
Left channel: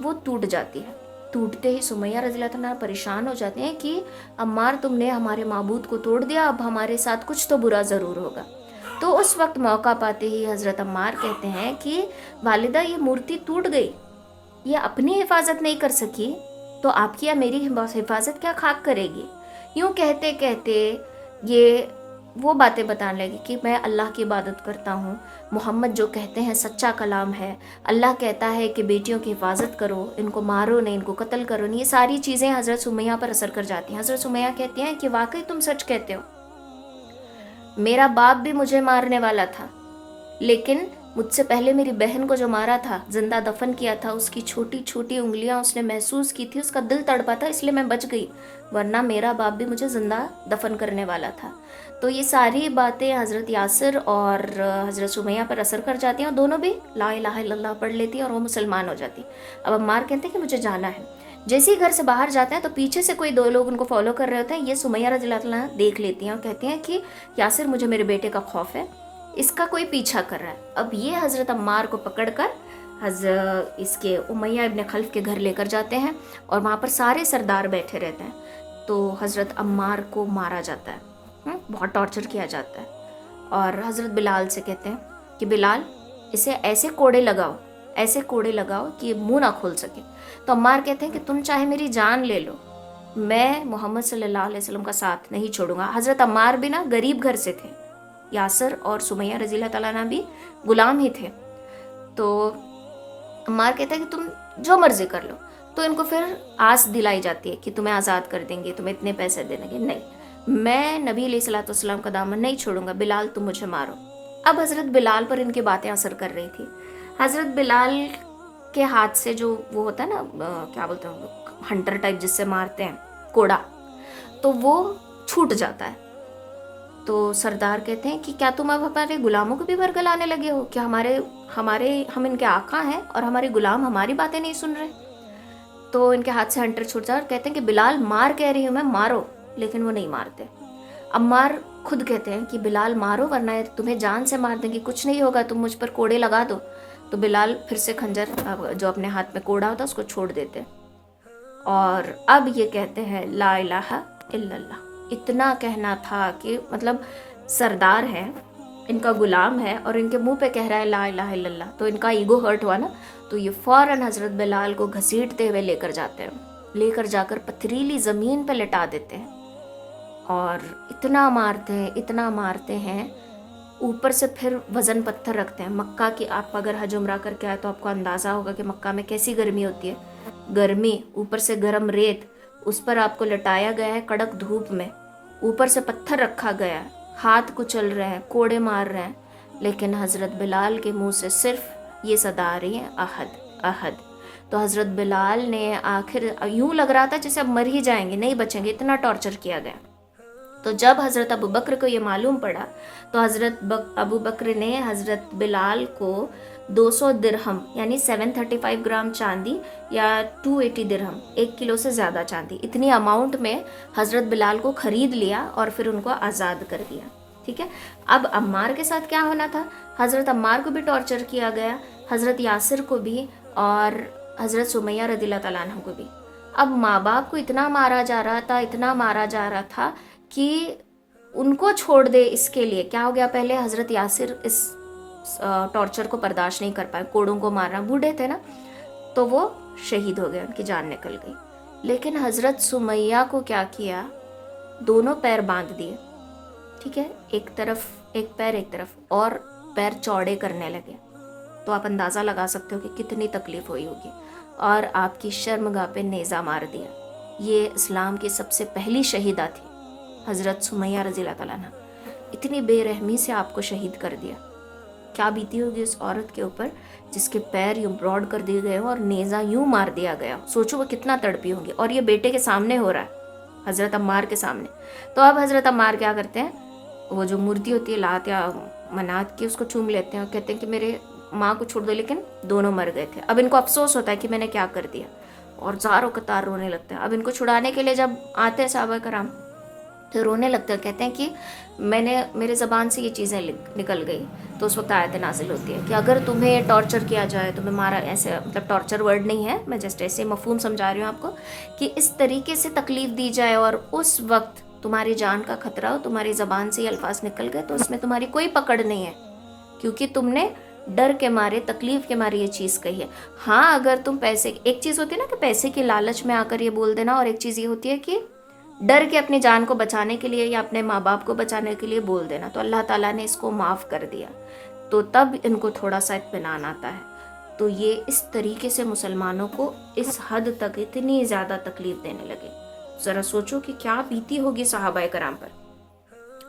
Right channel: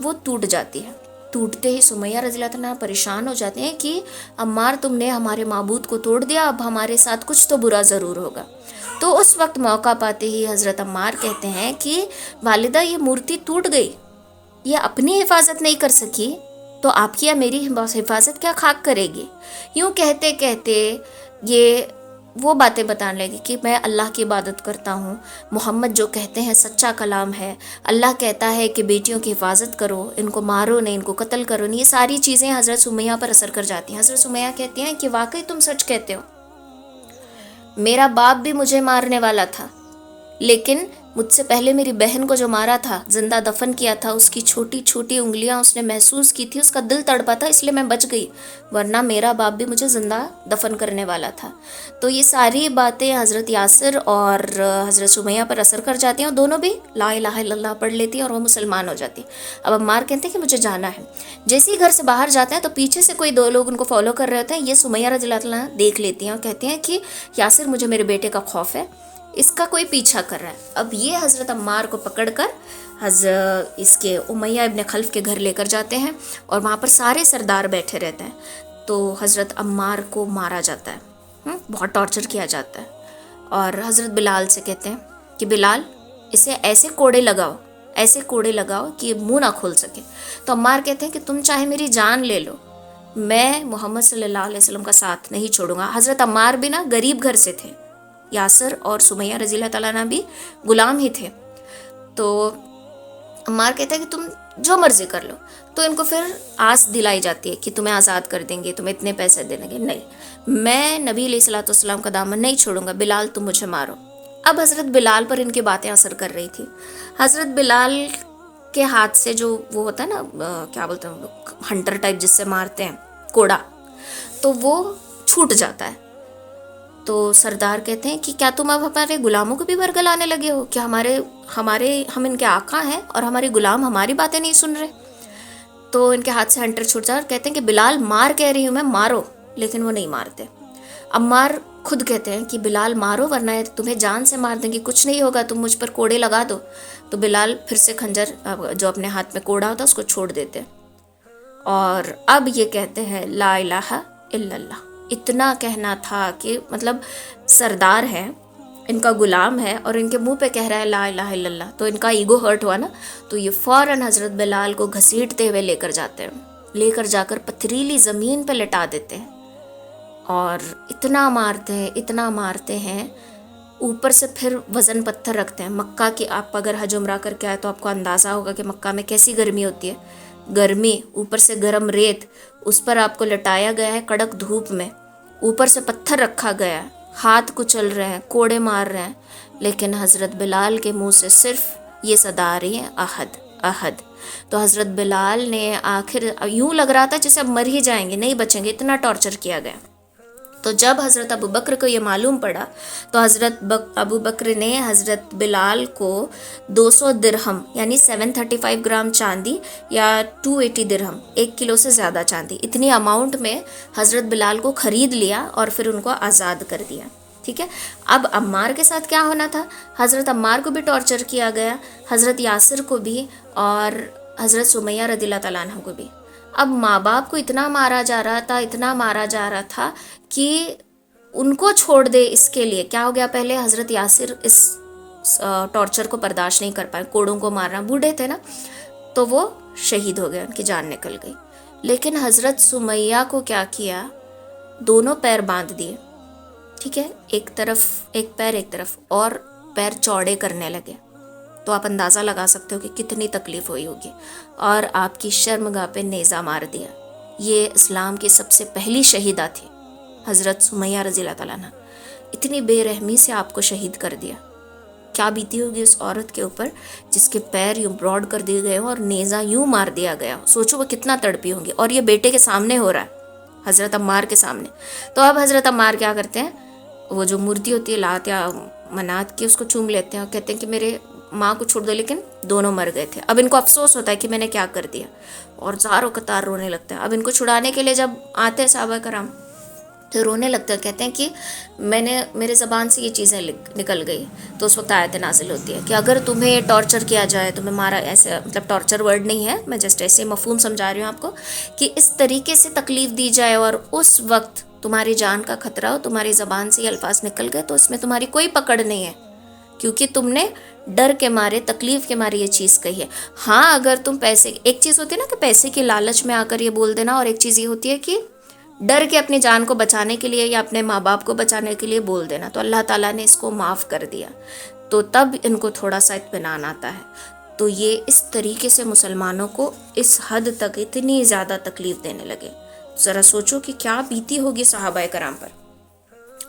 وہ ٹوٹ جاتی ہے. ٹوٹتے ہی سمیہ رضی اللہ تعالیٰ پریشان ہو جاتے ہیں کہ عمار تم نے ہمارے معبود کو توڑ دیا، اب ہمارے ساتھ کچھ تو برا ضرور ہوگا. تو اس وقت موقع پاتے ہی حضرت عمار کہتے ہیں کہ والدہ یہ مورتی ٹوٹ گئی، یہ اپنی حفاظت نہیں کر سکی تو آپ کی یا میری حفاظت کیا خاک کرے گی. یوں کہتے کہتے یہ وہ باتیں بتانے لگی کہ میں اللہ کی عبادت کرتا ہوں، محمد جو کہتے ہیں سچا کلام ہے، اللہ کہتا ہے کہ بیٹیوں کی حفاظت کرو، ان کو مارو نہیں، ان کو قتل کرو نہیں. یہ ساری چیزیں حضرت سمیہ پر اثر کر جاتی ہیں. حضرت سمیہ کہتی ہیں کہ واقعی تم سچ کہتے ہو، میرا باپ بھی مجھے مارنے والا تھا، لیکن مجھ سے پہلے میری بہن کو جو مارا تھا، زندہ دفن کیا تھا، اس کی چھوٹی چھوٹی انگلیاں اس نے محسوس کی تھی، اس کا دل تڑپا تھا، اس لیے میں بچ گئی، ورنہ میرا باپ بھی مجھے زندہ دفن کرنے والا تھا۔ تو یہ ساری باتیں حضرت یاسر اور حضرت سمیہ پر اثر کر جاتی ہیں، اور دونوں بھی لا الہ الا اللہ پڑھ لیتی ہیں اور وہ مسلمان ہو جاتی ہیں۔ اب عمار کہتے ہیں کہ مجھے جانا ہے۔ جیسے ہی گھر سے باہر جاتے ہیں تو پیچھے سے کوئی دو لوگ ان کو فالو کر رہے ہوتے ہیں، یہ سمیہ رضی اللہ عنہا دیکھ لیتی ہیں اور کہتی ہیں کہ یاسر، مجھے میرے بیٹے کا خوف ہے، اس کا کوئی پیچھا کر رہا ہے۔ اب یہ حضرت عمار کو پکڑ کر حضرت اس کے امیہ ابن خلف کے گھر لے کر جاتے ہیں، اور وہاں پر سارے سردار بیٹھے رہتے ہیں۔ تو حضرت عمار کو مارا جاتا ہے، بہت ٹارچر کیا جاتا ہے، اور حضرت بلال سے کہتے ہیں کہ بلال، اسے ایسے کوڑے لگاؤ کہ یہ منہ نہ کھول سکے۔ تو عمار کہتے ہیں کہ تم چاہے میری جان لے لو، میں محمد صلی اللہ علیہ وسلم کا ساتھ نہیں چھوڑوں گا۔ حضرت عمار بھی نا غریب گھر سے تھے، یاسر اور سمیہ رضی اللہ تعالیٰ عنہ بھی غلام ہی تھے۔ تو عمار کہتا ہے کہ تم جو مرضی کر لو۔ تو ان کو پھر آس دلائی جاتی ہے کہ تمہیں آزاد کر دیں گے، تمہیں اتنے پیسے دیں گے۔ نہیں، میں نبی علیہ الصلوۃ والسلام کا دامن نہیں چھوڑوں گا، بلال تم مجھے مارو۔ اب حضرت بلال پر ان کی باتیں اثر کر رہی تھی۔ حضرت بلال کے ہاتھ سے جو وہ ہوتا ہے نا، کیا بولتے ہیں، ہنٹر ٹائپ جس سے مارتے ہیں، کوڑا، تو وہ چھوٹ جاتا ہے۔ تو سردار کہتے ہیں کہ کیا تم اب ہمارے غلاموں کو بھی برگلانے لگے ہو؟ کہ ہم ان کے آقا ہیں اور ہمارے غلام ہماری باتیں نہیں سن رہے؟ تو ان کے ہاتھ سے ہنٹر چھوٹ جاتا اور کہتے ہیں کہ بلال، مار کہہ رہی ہوں میں، مارو، لیکن وہ نہیں مارتے۔ عمار خود کہتے ہیں کہ بلال مارو، ورنہ تمہیں جان سے مار دیں گے، کچھ نہیں ہوگا، تم مجھ پر کوڑے لگا دو۔ تو بلال پھر سے خنجر جو اپنے ہاتھ میں کوڑا ہوتا ہے اس کو چھوڑ دیتے، اور اب یہ کہتے ہیں لا الہ الا اللہ۔ اتنا کہنا تھا کہ مطلب سردار ہے، ان کا غلام ہے، اور ان کے منہ پہ کہہ رہا ہے لا الہ الا اللہ، تو ان کا ایگو ہرٹ ہوا نا، تو یہ فوراً حضرت بلال کو گھسیٹتے ہوئے لے کر جاتے ہیں، لے کر جا کر پتھریلی زمین پہ لٹا دیتے ہیں، اور اتنا مارتے ہیں، اوپر سے پھر وزن پتھر رکھتے ہیں۔ مکہ کی آپ اگر حج عمرہ کر کے آئے تو آپ کو اندازہ ہوگا کہ مکہ میں کیسی گرمی ہوتی ہے، گرمی، اوپر سے گرم ریت، اس پر آپ کو لٹایا گیا ہے کڑک دھوپ میں، اوپر سے پتھر رکھا گیا ہے، ہاتھ کچل رہے ہیں، کوڑے مار رہے ہیں، لیکن حضرت بلال کے منہ سے صرف یہ صدا آ رہی ہے، احد احد۔ تو حضرت بلال نے آخر یوں لگ رہا تھا جیسے اب مر ہی جائیں گے، نہیں بچیں گے، اتنا ٹارچر کیا گیا۔ تو جب حضرت ابو بکر کو یہ معلوم پڑا تو حضرت ابو بکر نے حضرت بلال کو 200 درہم یعنی 735 گرام چاندی یا 280 درہم، 1 کلو سے زیادہ چاندی، اتنی اماؤنٹ میں حضرت بلال کو خرید لیا اور پھر ان کو آزاد کر دیا۔ ٹھیک ہے، اب عمار کے ساتھ کیا ہونا تھا؟ حضرت عمار کو بھی ٹارچر کیا گیا، حضرت یاسر کو بھی، اور حضرت سمیہ رضی اللہ تعالیٰ عنہ کو بھی۔ اب ماں باپ کو اتنا مارا جا رہا تھا کہ ان کو چھوڑ دے اس کے لیے کیا ہو گیا؟ پہلے حضرت یاسر اس ٹارچر کو برداشت نہیں کر پائے، کوڑوں کو مارنا، بوڑھے تھے نا، تو وہ شہید ہو گئے، ان کی جان نکل گئی۔ لیکن حضرت سمیہ کو کیا کیا؟ دونوں پیر باندھ دیے، ٹھیک ہے، ایک پیر ایک طرف، اور پیر چوڑے کرنے لگے۔ تو آپ اندازہ لگا سکتے ہو کہ کتنی تکلیف ہوئی ہوگی، اور آپ کی شرمگاہ پہ نیزہ مار دیا۔ یہ اسلام کی سب سے پہلی شہیدہ تھی حضرت سمیہ رضی اللہ تعالیٰ عنہ، اتنی بے رحمی سے آپ کو شہید کر دیا۔ کیا بیتی ہوگی اس عورت کے اوپر جس کے پیر یوں براڈ کر دیے گئے ہوں اور نیزہ یوں مار دیا گیا، سوچو وہ کتنا تڑپی ہوں گی، اور یہ بیٹے کے سامنے ہو رہا ہے، حضرت عمار کے سامنے۔ تو اب حضرت عمار کیا کرتے ہیں؟ وہ جو مورتی ہوتی ہے لات یا منات کی، اس کو چوم لیتے ہیں اور کہتے ہیں کہ میرے ماں کو چھوڑ دو، لیکن دونوں مر گئے تھے۔ اب ان کو افسوس ہوتا ہے کہ میں نے کیا کر دیا، اور زاروں قطار رونے لگتے ہیں۔ اب ان کو چھڑانے کے لیے جب آتے ہیں صحابہ کرام تو رونے لگتے ہیں، کہتے ہیں کہ میرے زبان سے یہ چیزیں نکل گئی۔ تو اس وقت آیت نازل ہوتی ہے کہ اگر تمہیں ٹارچر کیا جائے، تمہیں مارا، ایسے مطلب ٹارچر ورڈ نہیں ہے، میں جسٹ ایسے مفہوم سمجھا رہی ہوں آپ کو، کہ اس طریقے سے تکلیف دی جائے اور اس وقت تمہاری جان کا خطرہ ہو، تمہاری زبان سے یہ الفاظ نکل گئے، تو اس میں تمہاری کوئی پکڑ نہیں ہے، کیونکہ تم نے ڈر کے مارے، تکلیف کے مارے یہ چیز کہی ہے۔ ہاں اگر تم پیسے، ایک چیز ہوتی ہے نا کہ پیسے کی لالچ میں آ کر یہ بول دینا، اور ایک چیز یہ ہوتی ہے کہ ڈر کے اپنی جان کو بچانے کے لیے یا اپنے ماں باپ کو بچانے کے لیے بول دینا، تو اللہ تعالیٰ نے اس کو معاف کر دیا، تو تب ان کو تھوڑا سا اطمینان آتا ہے۔ تو یہ اس طریقے سے مسلمانوں کو اس حد تک اتنی زیادہ تکلیف دینے لگے، ذرا سوچو کہ کیا بیتی ہوگی صحابہ کرام پر۔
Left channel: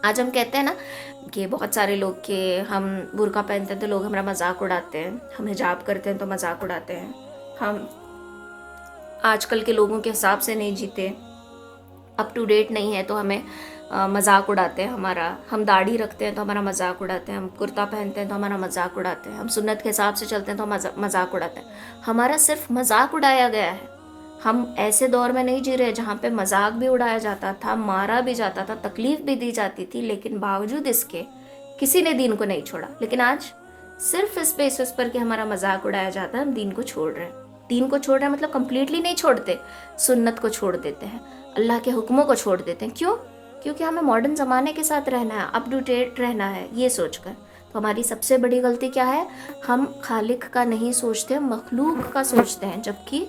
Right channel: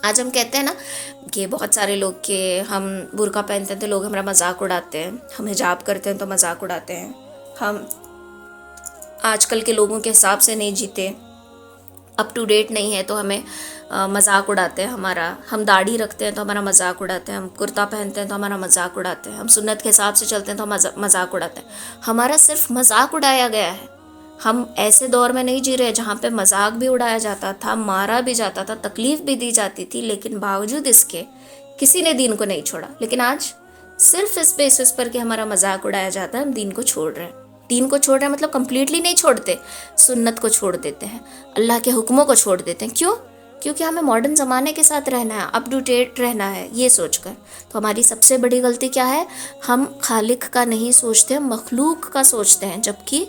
آج ہم کہتے ہیں نا کہ بہت سارے لوگ کہ ہم برقع پہنتے ہیں تو لوگ ہمارا مذاق اڑاتے ہیں، ہم حجاب کرتے ہیں تو مذاق اڑاتے ہیں، ہم آج کل کے لوگوں کے حساب سے نہیں جیتے، اپ ٹو ڈیٹ نہیں ہے تو ہمیں مذاق اڑاتے ہیں ہمارا، ہم داڑھی رکھتے ہیں تو ہمارا مذاق اڑاتے ہیں، ہم کرتا پہنتے ہیں تو ہمارا مذاق اڑاتے ہیں، ہم سنت کے حساب سے چلتے ہیں تو مذاق اڑاتے ہیں، ہمارا صرف مذاق اڑایا گیا ہے۔ ہم ایسے دور میں نہیں جی رہے جہاں پہ مذاق بھی اڑایا جاتا تھا، مارا بھی جاتا تھا، تکلیف بھی دی جاتی تھی، لیکن باوجود اس کے کسی نے دین کو نہیں چھوڑا۔ لیکن آج صرف اس بیسس پر کہ ہمارا مذاق اڑایا جاتا ہے ہم دین کو چھوڑ رہے ہیں۔ دین کو چھوڑ رہے ہیں مطلب کمپلیٹلی نہیں چھوڑتے، سنت کو چھوڑ دیتے ہیں، اللہ کے حکموں کو چھوڑ دیتے ہیں۔ کیوں؟ کیونکہ ہمیں ماڈرن زمانے کے ساتھ رہنا ہے، اپ ٹو ڈیٹ رہنا ہے، یہ سوچ کر۔ تو ہماری سب سے بڑی غلطی کیا ہے؟ ہم خالق کا نہیں سوچتے، مخلوق کا سوچتے ہیں، جبکہ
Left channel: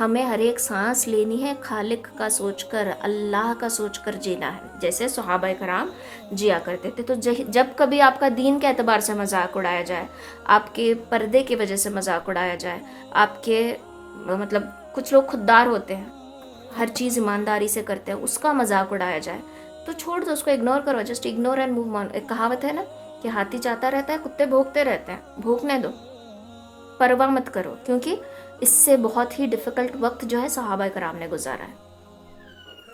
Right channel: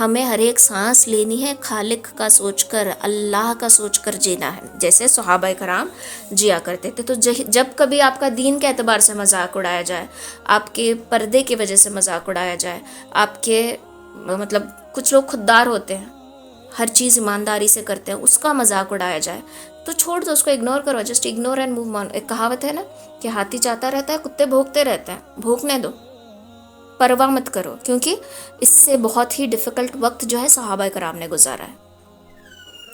ہمیں ہر ایک سانس لینی ہے خالق کا سوچ کر، اللہ کا سوچ کر جینا ہے، جیسے صحابہ کرام جیا کرتے تھے۔ تو جب کبھی آپ کا دین کے اعتبار سے مذاق اڑایا جائے، آپ کے پردے کی وجہ سے مذاق اڑایا جائے، آپ کے مطلب کچھ لوگ خوددار ہوتے ہیں، ہر چیز ایمانداری سے کرتے ہیں، اس کا مذاق اڑایا جائے تو چھوڑ دو، اس کو اگنور کرو، just ignore and move on. ایک کہاوت ہے نا کہ ہاتھی چاہتا رہتا ہے کتے بھونکتے رہتے ہیں، بھونکنے دو، پرواہ مت کرو، کیونکہ اس سے بہت ہی ڈیفیکلٹ وقت جو ہے صحابہ کرام نے گزارا ہے،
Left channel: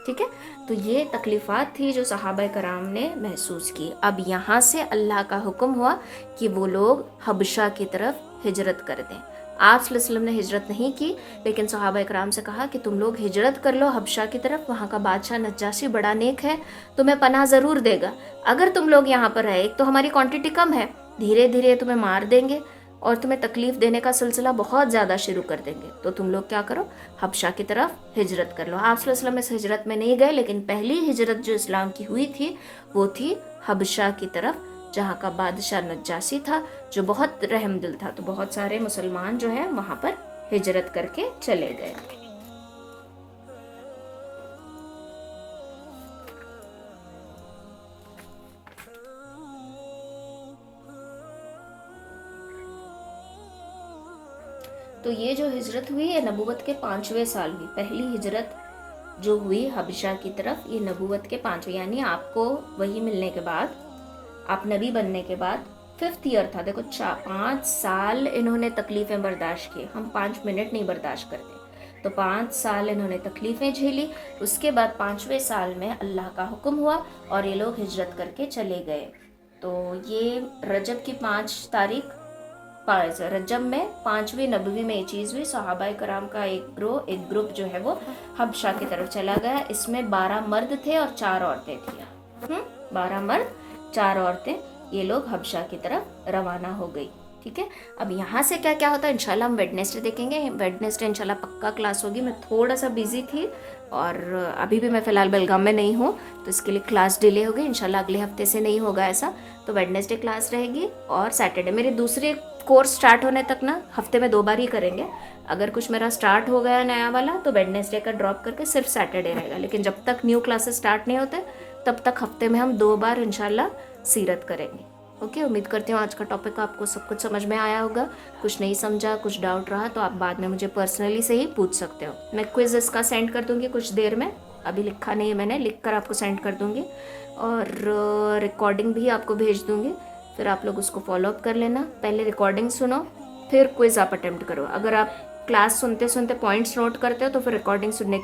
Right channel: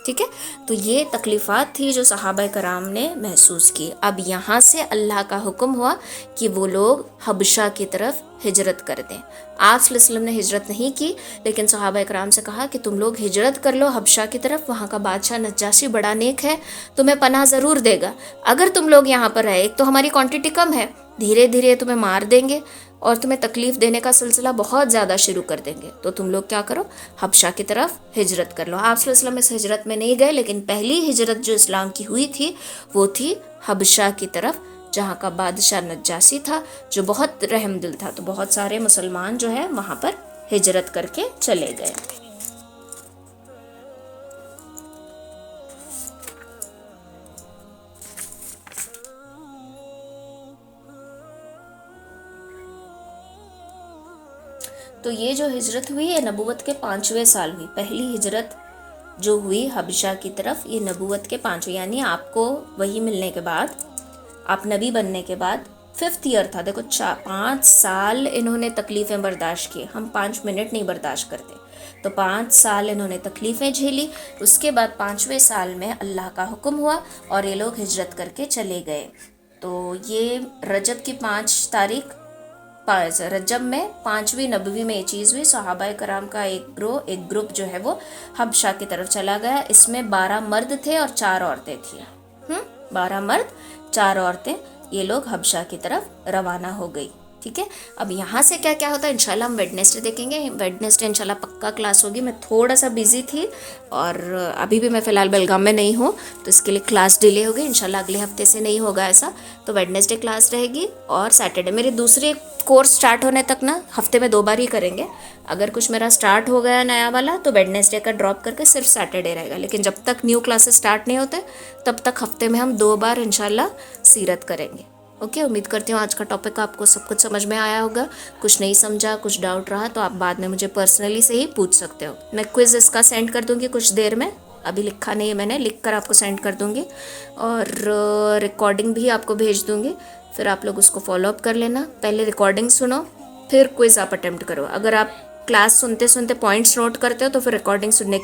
ٹھیک ہے۔ تو یہ تکلیفات تھی جو صحابہ کرام نے محسوس کی۔ اب یہاں سے اللہ کا حکم ہوا کہ وہ لوگ حبشہ کی طرف ہجرت کر دیں۔ آپ صلی اللہ علیہ وسلم نے ہجرت نہیں کی، لیکن صحابہ کرام سے کہا کہ تم لوگ ہجرت کر لو حبشہ کی طرف، وہاں کا بادشاہ نجاشی بڑا نیک ہے، تمہیں پناہ ضرور دے گا۔ اگر تم لوگ یہاں پر رہے، ایک تو ہماری کوانٹٹی کم ہے، دھیرے دھیرے تمہیں مار دیں گے اور تمہیں تکلیف دینے کا سلسلہ بہت زیادہ شروع کر دیں گے، تو تم لوگ کیا کرو، حبشہ کی طرف ہجرت کر لو۔ آپ صلی اللہ علیہ وسلم اس ہجرت میں نہیں گئے، لیکن پہلی ہجرت جو اسلام کی ہوئی تھی وہ تھی حبشہ کی طرف، جہاں کا بادشاہ نجاشی تھا جو بہت رحم دل تھا، تو بہت سارے مسلمان جو ہے وہاں پر ہجرت کر کے چلے گئے۔ تو یہ جو ہجرت ہوئی ہے نبوت کے 5ویں سال ہوئی، پہلی ہجرت جو ہوئی حبشہ کی طرف، یہ نبوت کے 5ویں، یعنی آپ کو وحی ملنے کے بعد، آپ نبی بننے کے بعد 5th ایئر تھا۔ دیکھو 5 سال انہوں نے تکلیفیں برداشت کی، ہم 5 منٹ نہیں برداشت کرتے، تو 5 سال انہوں نے تکلیفیں جھیلی۔ اس کے بعد 5ویں سال میں اللہ کا حکم ہوا اور یہ لوگ ہجرت کر کے چلے گئے۔ تو یہ رجب کی 5 تاریخ، رجب میں 5ویں نبوی میں یہ چیز ہوئی، صحابہ کرام کا ایک گروپ جو ہے وہ حبشہ کی طرف چلا گیا۔ اس میں 12 مرد تھے اور 4 عورتیں تھیں، 12 مرد 4 عورتیں، یہ لوگ حبشہ کی طرف روانہ ہو گئی، ٹھیک ہے۔ اب یہاں سے کیا کیا ہوتا ہے انشاءاللہ ہم ویڈنسڈے دیکھیں گے، ویڈنسڈے انشاءاللہ پکا کلاس ہوگی۔ میں تھوڑا سا بیزی تھی اور ابھی بھی میں فی الحال بیلگام میں نہیں ہوں، تو اس کے لیے کلاس ڈیلے ہوگی، انشاءاللہ اگلے ہفتے سے نہیں ہوگا ایسا، تو ویڈنسڈے کلاس رہے گی اور سیٹرڈے میرے دوسرے کورس سٹارٹ ہونے تک نا ہفتے میں 2 بار ہی کریں گے۔ اگر کچھ میرا سٹارٹ ہو گیا نیا والا تو ویڈنسڈے کا ڈراپ کر کے صرف سیٹرڈے رہے گا، لیکن جب تک نیو کلاسز سٹارٹ نہیں ہوتے تب تک ہفتے میں ہم 2 بار انشاءاللہ سیرت کریں گے۔ اوکے، امید کرتی ہوں آج کا ٹاپک آپ کو سب کچھ سمجھ میں آیا ہوگا۔ کچھ نہیں سمجھا، کچھ ڈاؤٹ رہا تو آپ بعد میں مجھے پرسنلی سے ہی پوچھ سکتے ہو۔ میں کوئز اس کا سینڈ کر دوں گی کچھ دیر میں، ابھی لکھا نہیں ہے میں نے، لکھ کر آپ کو سینڈ کر دوں گی، اور ریکارڈنگ بھی آپ کو بھیج دوں گی، پھر آپ لوگ اس کو فالو اپ کر لینا۔ پہلے ریکارڈنگ سنو پھر کوئز آپ اٹیمپٹ کرو۔ اگر آپ کلاس سنتے سنتے پوائنٹس نوٹ کرتے ہو تو پھر ریکارڈنگ سننے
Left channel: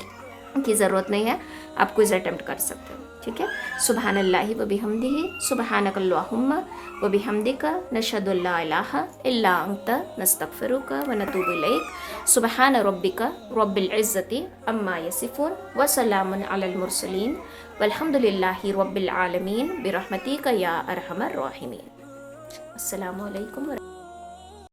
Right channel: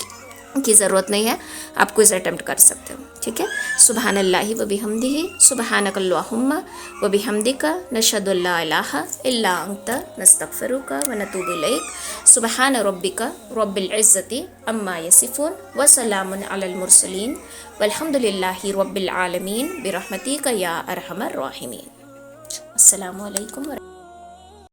کی ضرورت نہیں ہے، آپ کوئز اٹیمپٹ کر سکتے ہو، ٹھیک ہے۔ سبحان اللہ و بحمدہ، سبحانک اللہم و بحمدک، نشہد ان لا الہ الا انت، نستغفرک و نتوب الیک۔ سبحان ربک رب العزۃ عما یصفون وسلام علی المرسلین والحمد للہ رب العالمین برحمتک یا ارحم الراحمین۔ السلام علیکم۔